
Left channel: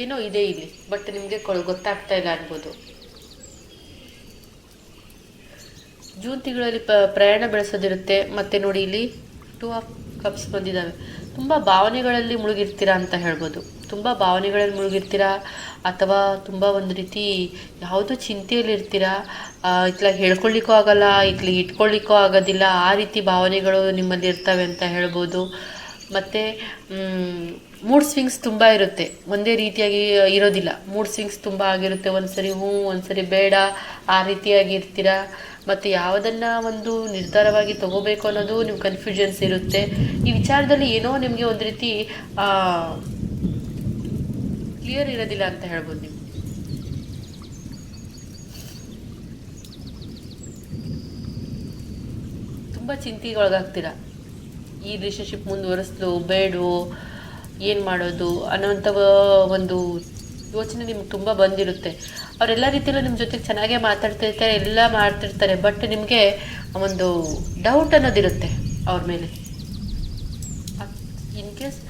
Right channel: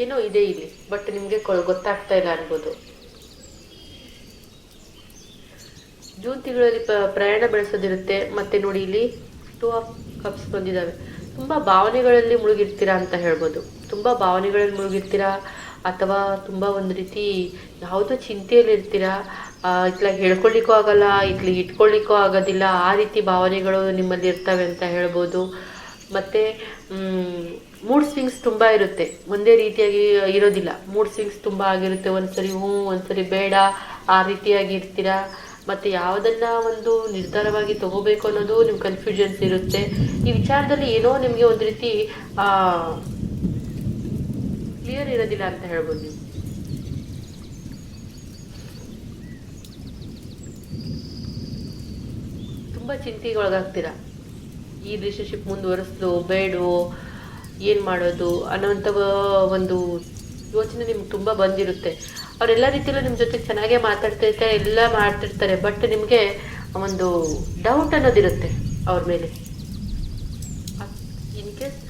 ಏನೋ ಇದೆ ಇಲ್ಲಿ, ಬಟ್ ನಿಮಗೆ ಗೊತ್ತಾಗ್ತಾ ಇಲ್ಲ ಅನ್ಬೋದು. ಜೂನ್ ತಿಂಗಳಲ್ಲಿ ಪ್ರಯಾಣ ಬೆಳೆಸೋದಿರುತ್ತೆ. ಮತ್ತೆ ನೋಡಿ ಇಲ್ಲಿ 2 ಆಫ್ ಕಪ್ಸ್ ಬಂದಿದ್ದಾವೆ. ತುಂಬ ಭಾವನೆಗಳಲ್ಲಿ ಮುಳುಗಿರ್ತೀರಾ ಅಂತ ಹೇಳ್ಬೋದು. ತುಂಬ ಭಾವನೆಗಳಲ್ಲಿ ಮುಳುಗಿರ್ತೀರಾ ಅಥವಾ ತುಂಬ ಒಂದು ರೀತಿ ಯಾವುದೋ ಚಿಂತೆಯಲ್ಲಿ ಇರ್ತೀರಾ. ಇತ್ಲಾಗ ಹೇಳ್ಕೊಳ್ಳಿಕ್ಕೂ ಆಗಲ್ಲ, ಇತ್ಲಿಗೆ ಇಟ್ಕೊಳ್ಳಿಕ್ಕೂ ಆಗೋದಿಲ್ಲ. ಆ ರೀತಿ ಭಾವನೆಗಳು ನಿಮ್ಮಲ್ಲಿ ಇರ್ತವೆ ಅಂತ ಹೇಳ್ಬೋದು. ಮತ್ತು ಮೂಡ್ ಸ್ವಿಂಗ್ಸ್ ತುಂಬ ಇರುತ್ತೆ, ಒಂದೇ ರೀತಿಯಾಗಿ ಇರೋದಿಲ್ಲ. ಮೂಡ್ ಸ್ವಿಂಗ್ಸ್ ತುಂಬ ಆಗಿರುತ್ತೆ. ಒಂದ್ಸರಿ ಹ್ಞೂ, ಒಂದ್ಸರಿ ಬೇಡ, ಆ ರೀತಿಯಾಗಿ ಇರ್ತೀರಾ. ಮತ್ತು ಯಾವುದನ್ನ ಒಂದು ನಿರ್ಧಾರವಾಗಿ ತಗೋಬೇಕು ಅನ್ನೋದು ನಿಮ್ಮ ಕನ್ಫ್ಯೂಷನ್ಸ್ ಇರುತ್ತೆ. ಈ ವಿಚಾರದಲ್ಲಿ ಏನೋ ನಿಮಗೆ ಒಂದು ರೀತಿ ಕ್ಲಿಯರ್ ಇರೋದಿಲ್ಲ ಅಂತ ಹೇಳ್ಬೋದು. ನೀವು ತುಂಬ ಚಿಂತೆಗೆ ಒಳಗಾಗ್ತೀರಾ. ಈ ರಿಲೇಶನ್ಶಿಪ್ ಮುಂದುವರಿಸ್ಲು ಬೇಡವೋ, ಏನು ಮಾಡೋದು ಅನ್ನೋಂಥ ಒಂದು ಯೋಚನೆ ನಿಮ್ಗೆ ತುಂಬ ಬಂದಿರುತ್ತೆ. ಅವರೆಲ್ಲ ರೀತಿಯಲ್ಲೂ ನಿಮ್ಮ ಜೊತೆ ಚೆನ್ನಾಗೇ ಮಾತಾಡ್ತಿರ್ತಾರೆ, ಎಲ್ಲ ಮಾಡ್ತಿರ್ತಾರೆ. ಬಟ್ ನಿಮಗೆ ಒಂದು ಡೌಟ್ ಅನ್ನೋದಿರುತ್ತೆ ಅವ್ರ ಮೇಲೆ. ಇನ್ ಕೇಸ್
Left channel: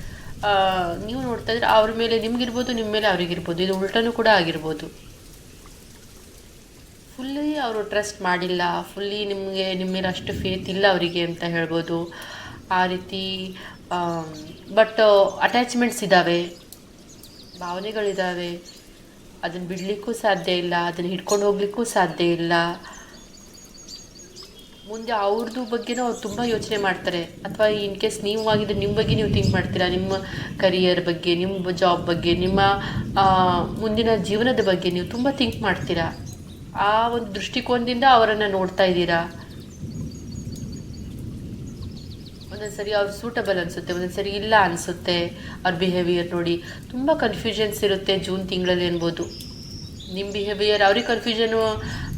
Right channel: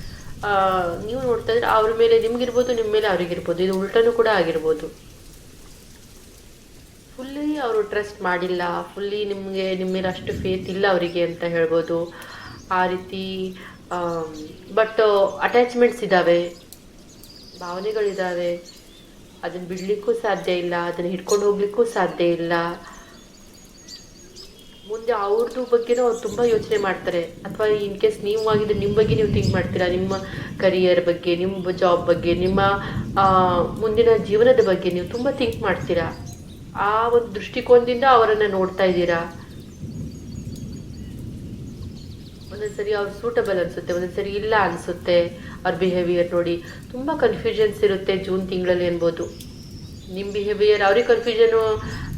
ನೀವು ನೋಡ್ತಾ ಇದ್ರೆ ಅವ್ರ ಮೇಲೆ ನಿಮ್ಗಿರ್ಬೋದು, ನಿಮ್ಮ ಮೇಲೆ ಅವ್ರಿಗಿರ್ಬೋದು. ಇದು ಉಲ್ಟನೂ ಕೂಡ ಆಗಿರ್ಬೋದು. ಫುಲ್ಲಿ ಅವರು ಟ್ರಸ್ಟ್ ಮಾಡಿಲ್ಲ, ಫುಲ್ಲಿ ನಿಮ್ಮ ಮೇಲೆ ಅಷ್ಟು ಫೇತ್ ಇಲ್ಲ ಅವರಿಗೆ ಅಂತ ಹೇಳ್ಬೋದು. ಆ ರೀತಿ ಬಟ್ ಅಟ್ಯಾಚ್ಮೆಂಟ್ಸ್ ಇದ್ದಾವೆ, ಭಾವನೆಗಳಿದ್ದಾವೆ. ಅದನ್ನು ಬಿಡಲಿಕ್ಕೂ ಸಾಧ್ಯ ಇಲ್ಲ, ಅದನ್ನು ಹಿಡ್ಕೊಂಡು ಹೋಗ್ಲಿಕ್ಕೂ ಸಾಧ್ಯ ಇಲ್ಲ. ಮುಂದೆ ಅವ್ರದ್ದು ಬಗ್ಗೆನೂ ಅವ್ರು ತುಂಬ ಯೋಚನೆ ಮಾಡ್ತಾರೆ. ಅಥವಾ ಇನ್ ಕೇಸ್ ನೀವು ಆಗಿದ್ರೆ ನಿಮ್ಮ ಬಗ್ಗೆ ನೀವು ಥಿಂಕ್ ಮಾಡ್ತೀರಾ, ನಿಮ್ಮ ಕರಿಯರ್ ಬಗ್ಗೆ, ನಿಮ್ಮ ಜಾಬ್ ಬಗ್ಗೆ, ನಿಮ್ಮ ಮುಂದಿನ ಜೀವನದ ಬಗ್ಗೆ ನೀವು ತುಂಬ ಥಿಂಕ್ ಮಾಡ್ತೀರಾ. ಆ ಒಂದು ದೃಷ್ಟಿಕೋನದಿಂದ ಅವರನ್ನು ನೋಡ್ತಾ ಇದ್ದೀರಾ. ಒಂದೊಂದ್ಸರಿ ಅವ್ರು ಸೂಟಬಲ್ ಅನಿಸುತ್ತೆ, ಒಂದೊಂದ್ಸರಿ ಇಲ್ಲ ಅನಿಸುತ್ತೆ. ಅವ್ರ ಬಿಹೇವಿಯರ್ ನೋಡಿ ತುಂಬ ಕನ್ಫ್ಯೂಷನ್ಸ್ ಇರುತ್ತೆ ಜೂನ್ ತಿಂಗಳಲ್ಲಿ ಅನ್ಬೋದು. ನಿಮ್ಮ ಬಿಹೇವಿಯರ್ ಅವ್ರಿಗೆ ಕನ್ಫ್ಯೂಷನು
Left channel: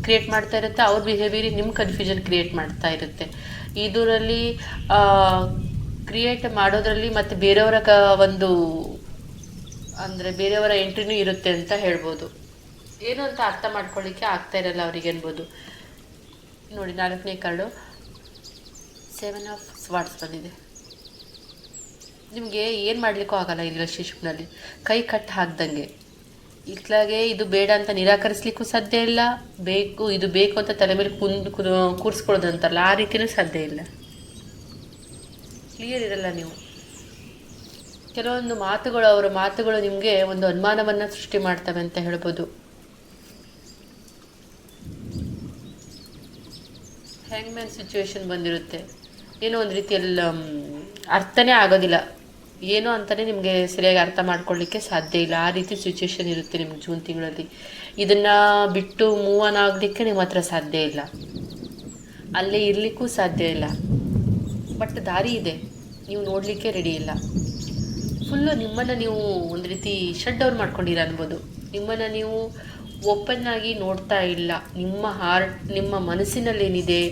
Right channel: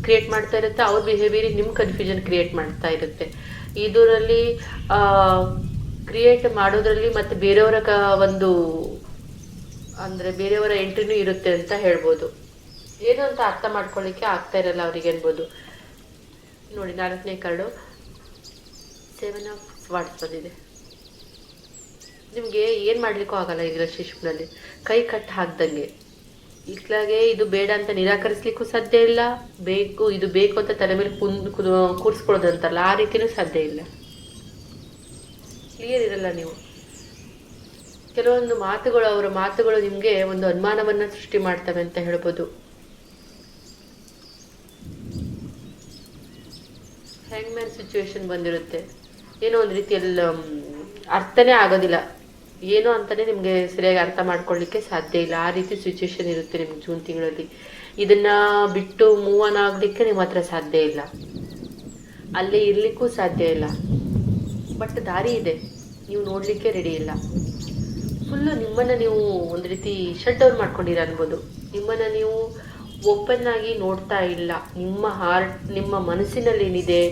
ಕ್ರಿಯೇಟ್ ಮಾಡ್ತಾ ಇರುತ್ತೆ, ಅವ್ರ ಬಿಹೇವಿಯರ್ ನಿಮ್ಮ ಕನ್ಫ್ಯೂಷನ್ ಕ್ರಿಯೇಟ್ ಮಾಡ್ತಾ ಇರುತ್ತೆ. ಇದರಲ್ಲಿ ಕ್ರಿಯೇಟ್ ಮಾಡೋದ್ರಲ್ಲಿ ಮತ್ತು ಬೇರೆಯವರ ಒಂದು ಅಂದರೆ ಬೇರೆಯವರ ಎಂಟ್ರಿನೂ ಇರುತ್ತೆ ಅಂತ ಹೇಳ್ಬೋದು. ಏನು ಅಂತ ಅರ್ಥ ಮಾಡ್ಕೊಳ್ಳಿಕ್ಕೆ ಆಗ್ತಾ ಇರಲ್ಲ ಅವರಿಗೆ ಅನ್ಬೋದು. ನೋಡಿ 4ನೇ ಕಾರ್ಡು 7 ಆಫ್ ಸ್ವಾರ್ಡ್ಸ್ ಬಂದಿದೆ. ನಿಮಗೆ ಏನು ಮಾಡಲಿಕ್ಕೂ ಆಗಲ್ಲ ಈ ರಿಲೇಶನ್ಶಿಪ್ನಲ್ಲಿ. ಕೈ ಕಟ್ಟು ಹಾಕ್ದಂಗೆ ಇತ್ಲಾಗೆ ಇದು ಬೇಡ ಅಂತ ನಿರಾಕರಿಸ್ಲಿಕ್ಕೂ ಸಾಧ್ಯ ಇಲ್ಲ, ಬೇಕು ಇದು ಬೇಕು ಅಂತ ತಲೆ ಮೇಲೆ ಕೂರಿಸ್ಕೊಳ್ಳೋದು ಅಂತಾರಲ್ಲ, ಆ ರೀತಿಯೂ ಸಾಧ್ಯ ಇಲ್ಲ. ಕ್ಲಿಯರ್ ಇರಲ್ಲ ನೀವು. ಕೆಲವೊಂದು ಮಾತುಗಳು, ಅವರ ಮಾತುಗಳು ನಿಮಗೆ ಒಂದು ಅನುಮಾನವನ್ನು ಸೃಷ್ಟಿ ಮಾಡ್ತವೆ ಅಂತ ಹೇಳ್ಬೋದು. ಹ್ಯಾಂಗ್ಮ್ಯಾನ್ ಸಿಚುವೇಶನ್ ಬಂದಿರುತ್ತೆ. ಏನೋ ಒಂದು ರೀತಿಯಲ್ಲಿ ಅರ್ಥನೇ ಆಗೋದಿಲ್ಲ, ಏನೋ ಅಂತಲೇ ನಿಮಗೆ ಸರಿಯಾಗಿ ಅರ್ಥ ಮಾಡ್ಕೊಳ್ಳಿಕ್ಕೆ ಸಾಧ್ಯ ಇಲ್ಲ. ಆ ರೀತಿ ಸಿಚುವೇಶನ್ ಇರುತ್ತೆ ನಿಮ್ಗೆ ಜೂನ್ ತಿಂಗಳಲ್ಲಿ. ಇದನ್ನು ಬಿಟ್ಟು ಮೂವ್ ಆನ್ ಆಗಲಿಕ್ಕೆ ನಿಮ್ಮ ಹತ್ರ ಸಾಧ್ಯ ಇಲ್ಲ, ಅಲ್ಲೇ ಇರಲಿಕ್ಕೂ ಸಾಧ್ಯ ಇಲ್ಲ. ಬಟ್ ದಾರಿ ಇದೆ, ನೀವು ನೋಡಲಿಕ್ಕೆ ರೆಡಿ ಇಲ್ಲ. ಫುಲ್ಲು ನಿಮ್ಮನ್ನು ನೀವು ಒಂದು ರೀತಿ ಶಟ್ ಡೌನ್ ಮಾಡ್ಕೊಂಡಿರ ಅನ್ಬೋದು. ನಿಮ್ಮನ್ನು ನೀವು ಓಪನ್ ಆಗಿ ನೋಡ್ತಾ ಇಲ್ಲ. ನಿಮ್ಮ ಹಾರ್ಟ್, ನಿಮ್ಮ ಮನಸ್ಸಿನಲ್ಲಿ ಏನಿದೆ,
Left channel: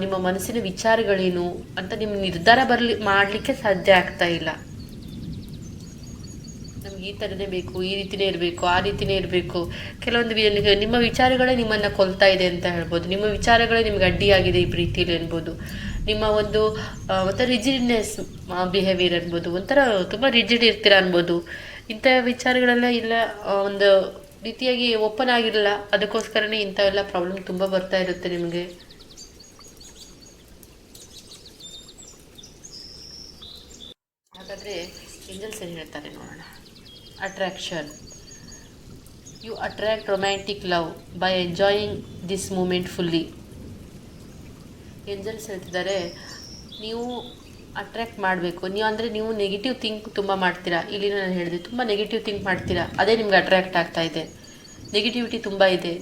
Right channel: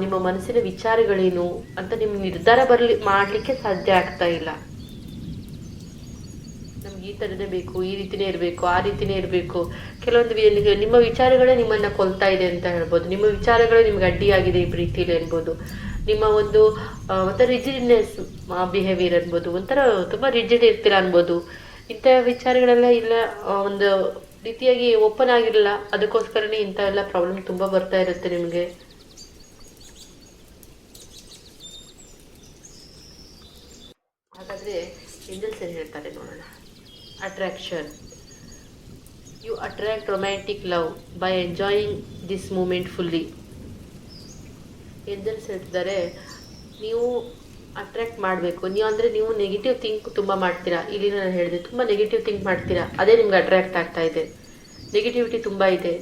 ನಿಮ್ಮ ಮನಸ್ಸಿನ ವಿಚಾರಗಳೇನು ಅಂತ ನಿಮ್ಮ ನಿರ್ಧಾರ ಮಾಡಲಿಕ್ಕೆ ಸಾಧ್ಯ ಆಗ್ತಾ ಇಲ್ಲ. ನಮ್ಗೆ ಈ ಥರನೇ ಬೇಕು, ಈ ರೀತಿನೇ ಇರಬೇಕು, ಆ ರೀತಿನೇ ಇರಬೇಕು. ಕೆಲವೊಂದು ನಿಮ್ಮ ವಿಚಾರಗಳೇ ನಿಮ್ಮನ್ನು ಕೊಲ್ತಾ ಇದೆ ಅಂತ ಹೇಳ್ಬೋದು. ನಿಮ್ಮ ವಿಚಾರಗಳೇ ನಿಮ್ಗೆ ಅಡ್ಡಿಯಾಗಿದೆ ಈ ಪ್ರೀತಿಯಲ್ಲಿ ಅನ್ಬೋದು. ನಿಮ್ಮ ಒಂದು ಒಂಥರ ರಿಜಿಡ್ನೆಸ್ ಬಿಹೇವಿಯರ್ ಅನ್ಬೋದು, ಒಂಥರ ತುಂಬ ರಿಜಿಡ್ ಇರ್ತೀರ ಅನ್ಬೋದು. ಇಂಥ ವಿಚಾರಗಳೆಲ್ಲ ಇಲ್ಲ, ಒಂದು ರೀತಿಯಾಗಿ ಓಪನ್ ಆಗಿರಲ್ಲ. ಅದಕ್ಕೋಸ್ಕರನೇ ಇಂಥ ಎಲ್ಲ ಪ್ರಾಬ್ಲಮ್ ತುಂಬ ಬರ್ತಾ ಇರುತ್ತೆ ನಿಮಗೆ. ಹಾಗಾದರೆ ಏಂಜಲ್ಸ್ ಏನು ಹೇಳ್ತಾರೆ ನೋಡೋಣ. Attraction. You attract romantic love by enjoying this moment fully. Angels ಹೇಳ್ತಿದ್ದಾರೆ, ನೀವು ಅಟ್ರ್ಯಾಕ್ಟ್ ಮಾಡಬೇಕು. ನೀವು ನೆಗೆಟಿವ್ ಥಿಂಕ್ ತುಂಬ ಮಾಡ್ತೀರಾ. ಇಲ್ಲಿ ನಾನು ಹೇಳಿದೆ, ತುಂಬ ನೆಗೆಟಿವ್ ಥಿಂಕ್ ಮಾಡ್ತೀರಾ, ಅದೇ ನಿಮ್ಗೆ ಅಟ್ರ್ಯಾಕ್ಟ್ ಆಗ್ತಾ ಇದೆ. ನೆಗೆಟಿವಿಟಿ ತುಂಬ ಇದೆ.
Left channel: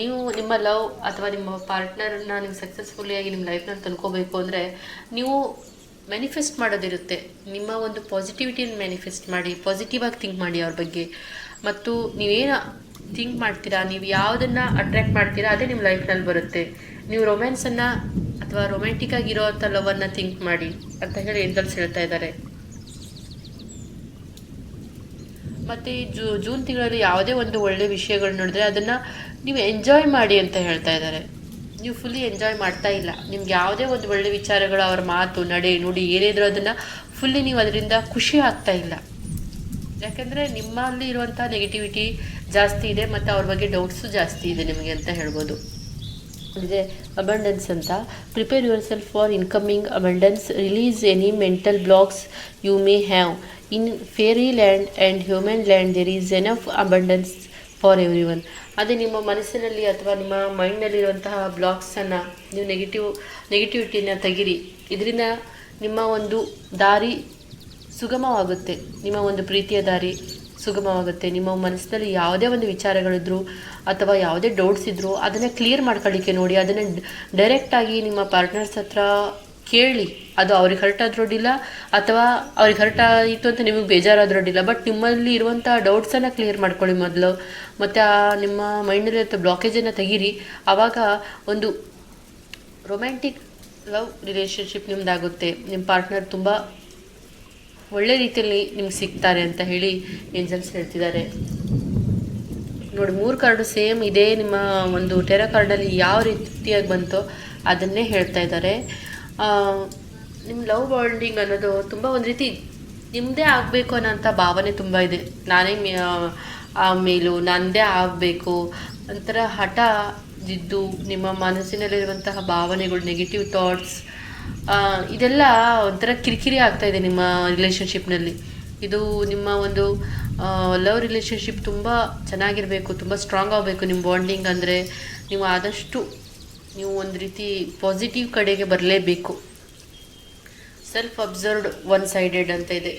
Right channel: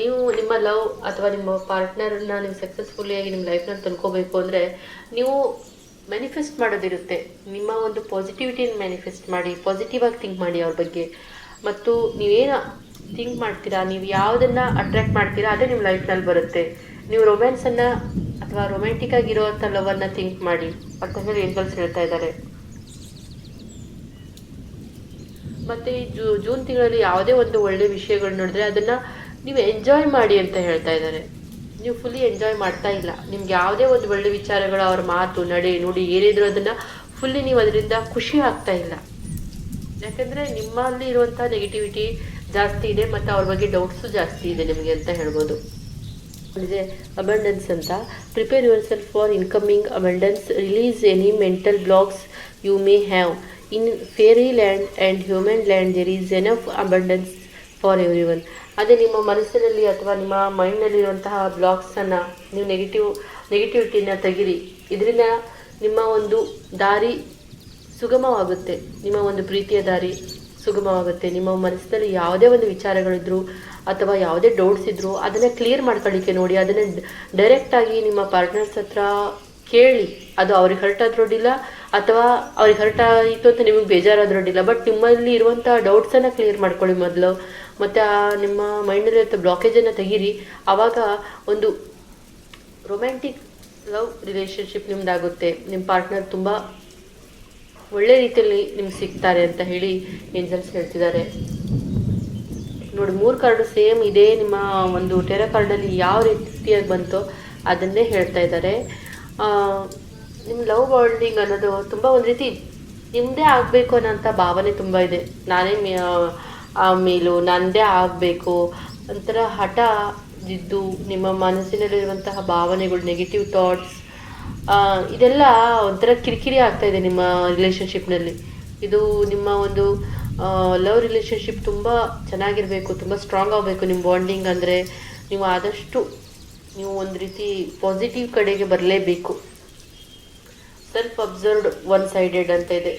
ನೀವು ನಿಮ್ಮ ಲವ್ ಅಥವಾ ನಿಮ್ಮ ಪಾರ್ಟ್ನರನ್ನ ನೀವು ಸಕ್ಸಸ್ಫುಲ್ಲಿಯಾಗಿ ನಿಮ್ಮ ಲೈಫ್ನಲ್ಲಿ ತಂದ್ಕೋಬೇಕು ಅಂದರೆ ನೀವು ಮ್ಯಾನಿಫೆಸ್ಟ್ ಮಾಡೋದಿರುತ್ತೆ. ನಿಮ್ಮ ಒಂದು ಪಾಸಿಟಿವಿಟಿಯನ್ನು ಮ್ಯಾನಿಫೆಸ್ಟ್ ಮಾಡಿ, ಪಾಸಿಟಿವ್ ಆಗಿ ಥಿಂಕ್ ಮಾಡಿ ಅವ್ರ ಬಗ್ಗೆ. ಮತ್ತು ನೀವೇನು ಥಿಂಕ್ ಮಾಡ್ತೀರಾ, ನೀವು ಯಾವುದನ್ನು ಅಟ್ರ್ಯಾಕ್ಟ್ ಮಾಡ್ತೀರಾ ಅದೇ ನಿಮ್ಮ ಲೈಫ್ನಲ್ಲಿ ಬರುತ್ತೆ. ನೀವು ರೊಮ್ಯಾನ್ಸನ್ನು ಅಥವಾ ರೊಮ್ಯಾಂಟಿಕ್ ಆಗಿರೋವಂಥ ಲವನ್ನು ಥಿಂಕ್ ಮಾಡಿ ಅಂತ ಹೇಳಿ ಏಂಜಲ್ಸ್ ಹೇಳ್ತಾ ಇದ್ದಾರೆ. ಮತ್ತು ಜೂನ್ ತಿಂಗಳಲ್ಲಿ ಯಾವುದೇ ಒಂದು ಒಳ್ಳೆಯ ವಿಷಯಗಳು ನೋಡಿದ್ರೆ ಅದನ್ನು ನೀವು ಎಂಜಾಯ್ ಮಾಡಿ ಅಂತ ಹೇಳ್ತಾ ಇದ್ದಾರೆ. ನೀವು ಫುಲ್ಲಿ ಎಂಜಾಯ್ ಮಾಡ್ತಾ ಇಲ್ಲ. ನಿಮ್ಗೆ ಯಾವುದೇ ಒಂದು ಒಳ್ಳೆ ವಿಚಾರಗಳು, ಅವ್ರ ಮಾತು, ನಡೆ, ನುಡಿ ಏನಿದ್ರು ಅದನ್ನು ಫುಲ್ಲಿ ನೀವು ಅದರಿಂದ ಖುಷಿ ಆಗ್ತಾ ಇಲ್ಲ. ಯಾಕೆಂದರೆ ನಿಮ್ಮಲ್ಲಿ ಇರುವಂಥ ನೆಗೆಟಿವಿಟಿ ಜಾಸ್ತಿ ಇದೆ ಮತ್ತು ಅವ್ರ ಬಗ್ಗೆ ಡೌಟ್ಸು ಜಾಸ್ತಿ ಇದೆ ನಿಮಗೆ ಅಂತ ಹೇಳ್ಬೋದು. ಅಂದರೆ ಅಬಂಡೆನ್ಸ್ ಅಂತ. Prepare yourself for incoming abundance. Release any mental blocks you may have. In fairy land and human land there is enough abundance for everyone. ಅದೇ ನಿಮ್ಮ ಮನಸ್ಸಿನಲ್ಲಿ ಅಥವಾ ನಿಮ್ಮ ಮೈಂಡ್ನಲ್ಲಿರುವಂತಹ ಬ್ಲಾಕ್ಸನ್ನು ನೀವು ನೆಗೆಟಿವಿಟಿನ ತೆಗಿರಿ. ಇದರಿಂದ ನಿಮ್ಮ ಒಂದು ದಾರಿ ಸುಗಮವಾಗುತ್ತೆ, ನಿಮ್ಮ ಒಂದು ಪ್ರೀತಿಯ ದಾರಿ ಸುಗಮವಾಗುತ್ತೆ. ನಿಮ್ಮ ಮನಸ್ಸಿನಲ್ಲಿ ಯಾವುದೇ ಒಂದು ವಿಚಾರಗಳಿದ್ರು ಅಥವಾ ಯಾವುದೇ ಡೌಟ್ಸ್ ಇದ್ದರೂ ಅದನ್ನು ಕ್ಲಿಯರ್ ಮಾಡ್ಕೊಳ್ಳಿಕ್ಕೆ ನೋಡಿ. ಅದನ್ನು ಡೈರೆಕ್ಟಾಗಿ ನಿಮ್ಮ ಪಾರ್ಟ್ನರ್ಸ್ ಹತ್ರ ಕೇಳಿ. ಅದು ಅವ್ರಿಗೆ ಹರ್ಟ್ ಆದ್ರೊಡ್ಡಿಲ್ಲ ಅಥವಾ ಅವ್ರಿಗೆ ಹರ್ಟ್ ಆಯಿತು ಅಂತ ನಿಮಗೆ ಬೇಜಾರಾದ್ರೊಡ್ಡಿಲ್ಲ. ಬಟ್ ನಿಮ್ಮಲ್ಲಿ ಇರುವಂಥ ಡೌಟ್ಸನ್ನು ಕ್ಲಿಯರ್ ಮಾಡ್ಕೊಳ್ಳಿ ಮೊದಲು. ಮತ್ತು ನಿಮ್ಮ ಮೈಂಡಲ್ಲಿರುವಂಥ ಬ್ಲಾಕೇಜನ್ನು ತೆಗೀರಿ. ಆವಾಗ ಒಂದು ರೊಮ್ಯಾಂಟಿಕ್ ಲವ್ ರಿಲೇಷನ್ಶಿಪ್ ನಿಮ್ದಾಗುತ್ತೆ. ನಿಮ್ಮ ಪಾರ್ಟ್ನರ್ ತುಂಬ ಒಳ್ಳೆ ರೀತಿಯಲ್ಲಿ ನಿಮ್ಗೆ ಸಿಗ್ತಾರೆ ಅಂತ ಹೇಳಿ ಏಂಜಲ್ಸ್ ಹೇಳ್ತಿದ್ದಾರೆ. ನೋಡಿ 3 ಕಾರ್ಡು ಸೇಮ್ ಇದೆ. ನಿಮ್ಮ ಒಂದು ಟೆರಾ ಕಾರ್ಡಲ್ಲಿ ಯಾವ ರೀತಿಯಾಗಿ ಬಂತು ಅದನ್ನೇ ಹೇಳ್ತಾ ಇದ್ದಾರೆ. ನಿಮ್ಮ ಲವ್ ಬಾಂಡಿಂಗ್ ಅನ್ನೋದು ತುಂಬ ಒಂದು ರೀತಿ ನಿಮ್ಮದೇ ಆಗಬೇಕು ಅನ್ನೋಂಥ ಭಾವನೆ ತುಂಬ ಇದೆ. ನಾನೇ ಮೇಲೂ ನನ್ನದೇ ಆಗಬೇಕು ಒಂಥರ ಹಠ ಇದ್ದು ನಿಮ್ಮ ಮನಸ್ಸಿನಲ್ಲಿರುವಂತಹ ಭಾವನೆಗಳು, ನೆಗೆಟಿವ್ ಥಾಟ್ಸ್, ಇದೆಲ್ಲ ಒಂಥರ ಕಿರಿಕಿರಿ ಆಗ್ತಾಯಿದೆ ನಿಮ್ಮ ರಿಲೇಷನ್ಶಿಪ್ನಲ್ಲಿ. ಇದು ನಿಮ್ಮ ಒಂದು ಲವ್ ರಿಲೇಷನ್ಶಿಪ್ ತುಂಬ ಚೆನ್ನಾಗಿರಬೇಕು, ತುಂಬ ಸ್ಟ್ರಾಂಗ್ ಆಗಬೇಕು ನಿಮ್ಮ ಬಾಂಡಿಂಗ್. ಅಂದರೆ ನೀವು ಆದಷ್ಟು ನೀವು ಒಂದು ರೀತಿ ಪಾಸಿಟಿವ್ ಕಡೆಗೆ ಬರಲೇಬೇಕು. ಸೆಲ್ಫ್ ಅಬ್ಸರ್ವ್ಡ್ ಒನ್ ಸೈಡೆಡ್ ಅಂತ ಇದೆ.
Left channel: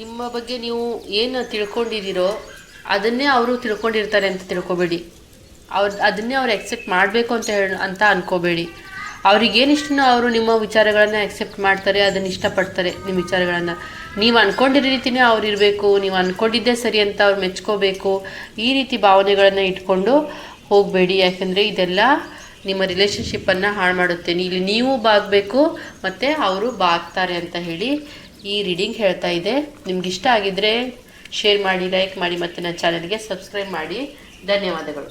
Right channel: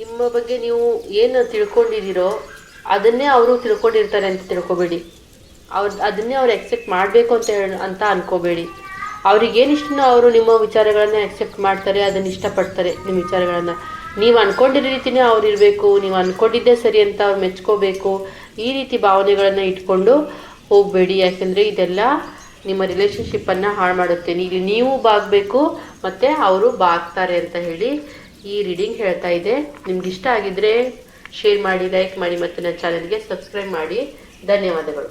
ನಿಮ್ಮ ಬಗ್ಗೆ ನೀವು ಏನು ತಿಳ್ಕೊಂಡಿದ್ದೀರೋ ಅದನ್ನೇ ಅವರು ತಿಳ್ಕೊಂಡಿರ್ತಾರೆ ಅಂತ ತಿಳ್ಕೊಬೇಡಿ. ಅದನ್ನೇ ಅವ್ರು ಎಕ್ಸೆಪ್ಟ್ ಮಾಡಬೇಕು ಅಂತ ಅನ್ಕೋಬೇಡಿ. ಅವ್ರಿಗೇನಿಷ್ಟನೋ ಅವರು ನಿಮ್ಮ ವಿಚಾರಗಳನ್ನು ಎಕ್ಸೆಪ್ಟ್ ಮಾಡ್ತಾರೆ, ಅದನ್ನು ಇಷ್ಟಪಡ್ತಾರೆ. ನಿಮ್ಮ ವಿಚಾರಗಳನ್ನು ನೀವು ಅಂದ್ಕೊಂಡಿರೋ ರೀತಿಯೇ ಅವ್ರು ಇರಬೇಕು, ನೀವು ಅಂದ್ಕೊಂಡಿದ್ದೇ ಸರಿ ಅಂತ ಅವ್ರು ಮೆಚ್ಕೋಬೇಕು. ಈ ರೀತಿ ಭಾವನೆಗಳನ್ನು ಇಟ್ಕೊಂಡು ಹೋಗಬೇಡಿ. ಯಾಕೆಂದರೆ ಇದೆಲ್ಲ ನಿಮ್ಮ ರಿಲೇಷನ್ಶಿಪ್ಪನ್ನು ಹಾಳು ಮಾಡುತ್ತೆ. ಇಲ್ಲಿ ನೀವು ಬಾಗಬೇಕು ಮತ್ತು ಅವರು ಬಾಗ್ತಾರೆ ಅಂತ ಹೇಳಿ ಈ ರೀಡಿಂಗ್ ಹೇಳ್ತಾ ಇದೆ. ನಿಮ್ಗೆ ಇಷ್ಟ ಆಗಿದ್ದರೆ ಶೇರ್ ಮಾಡಿ, ಲೈಕ್ ಮಾಡಿ ಮತ್ತು ನನ್ನ ಚಾನಲ್ಗೆ ಸಬ್ಸ್ಕ್ರೈಬ್ ಮಾಡಿ. ಧನ್ಯವಾದಗಳು.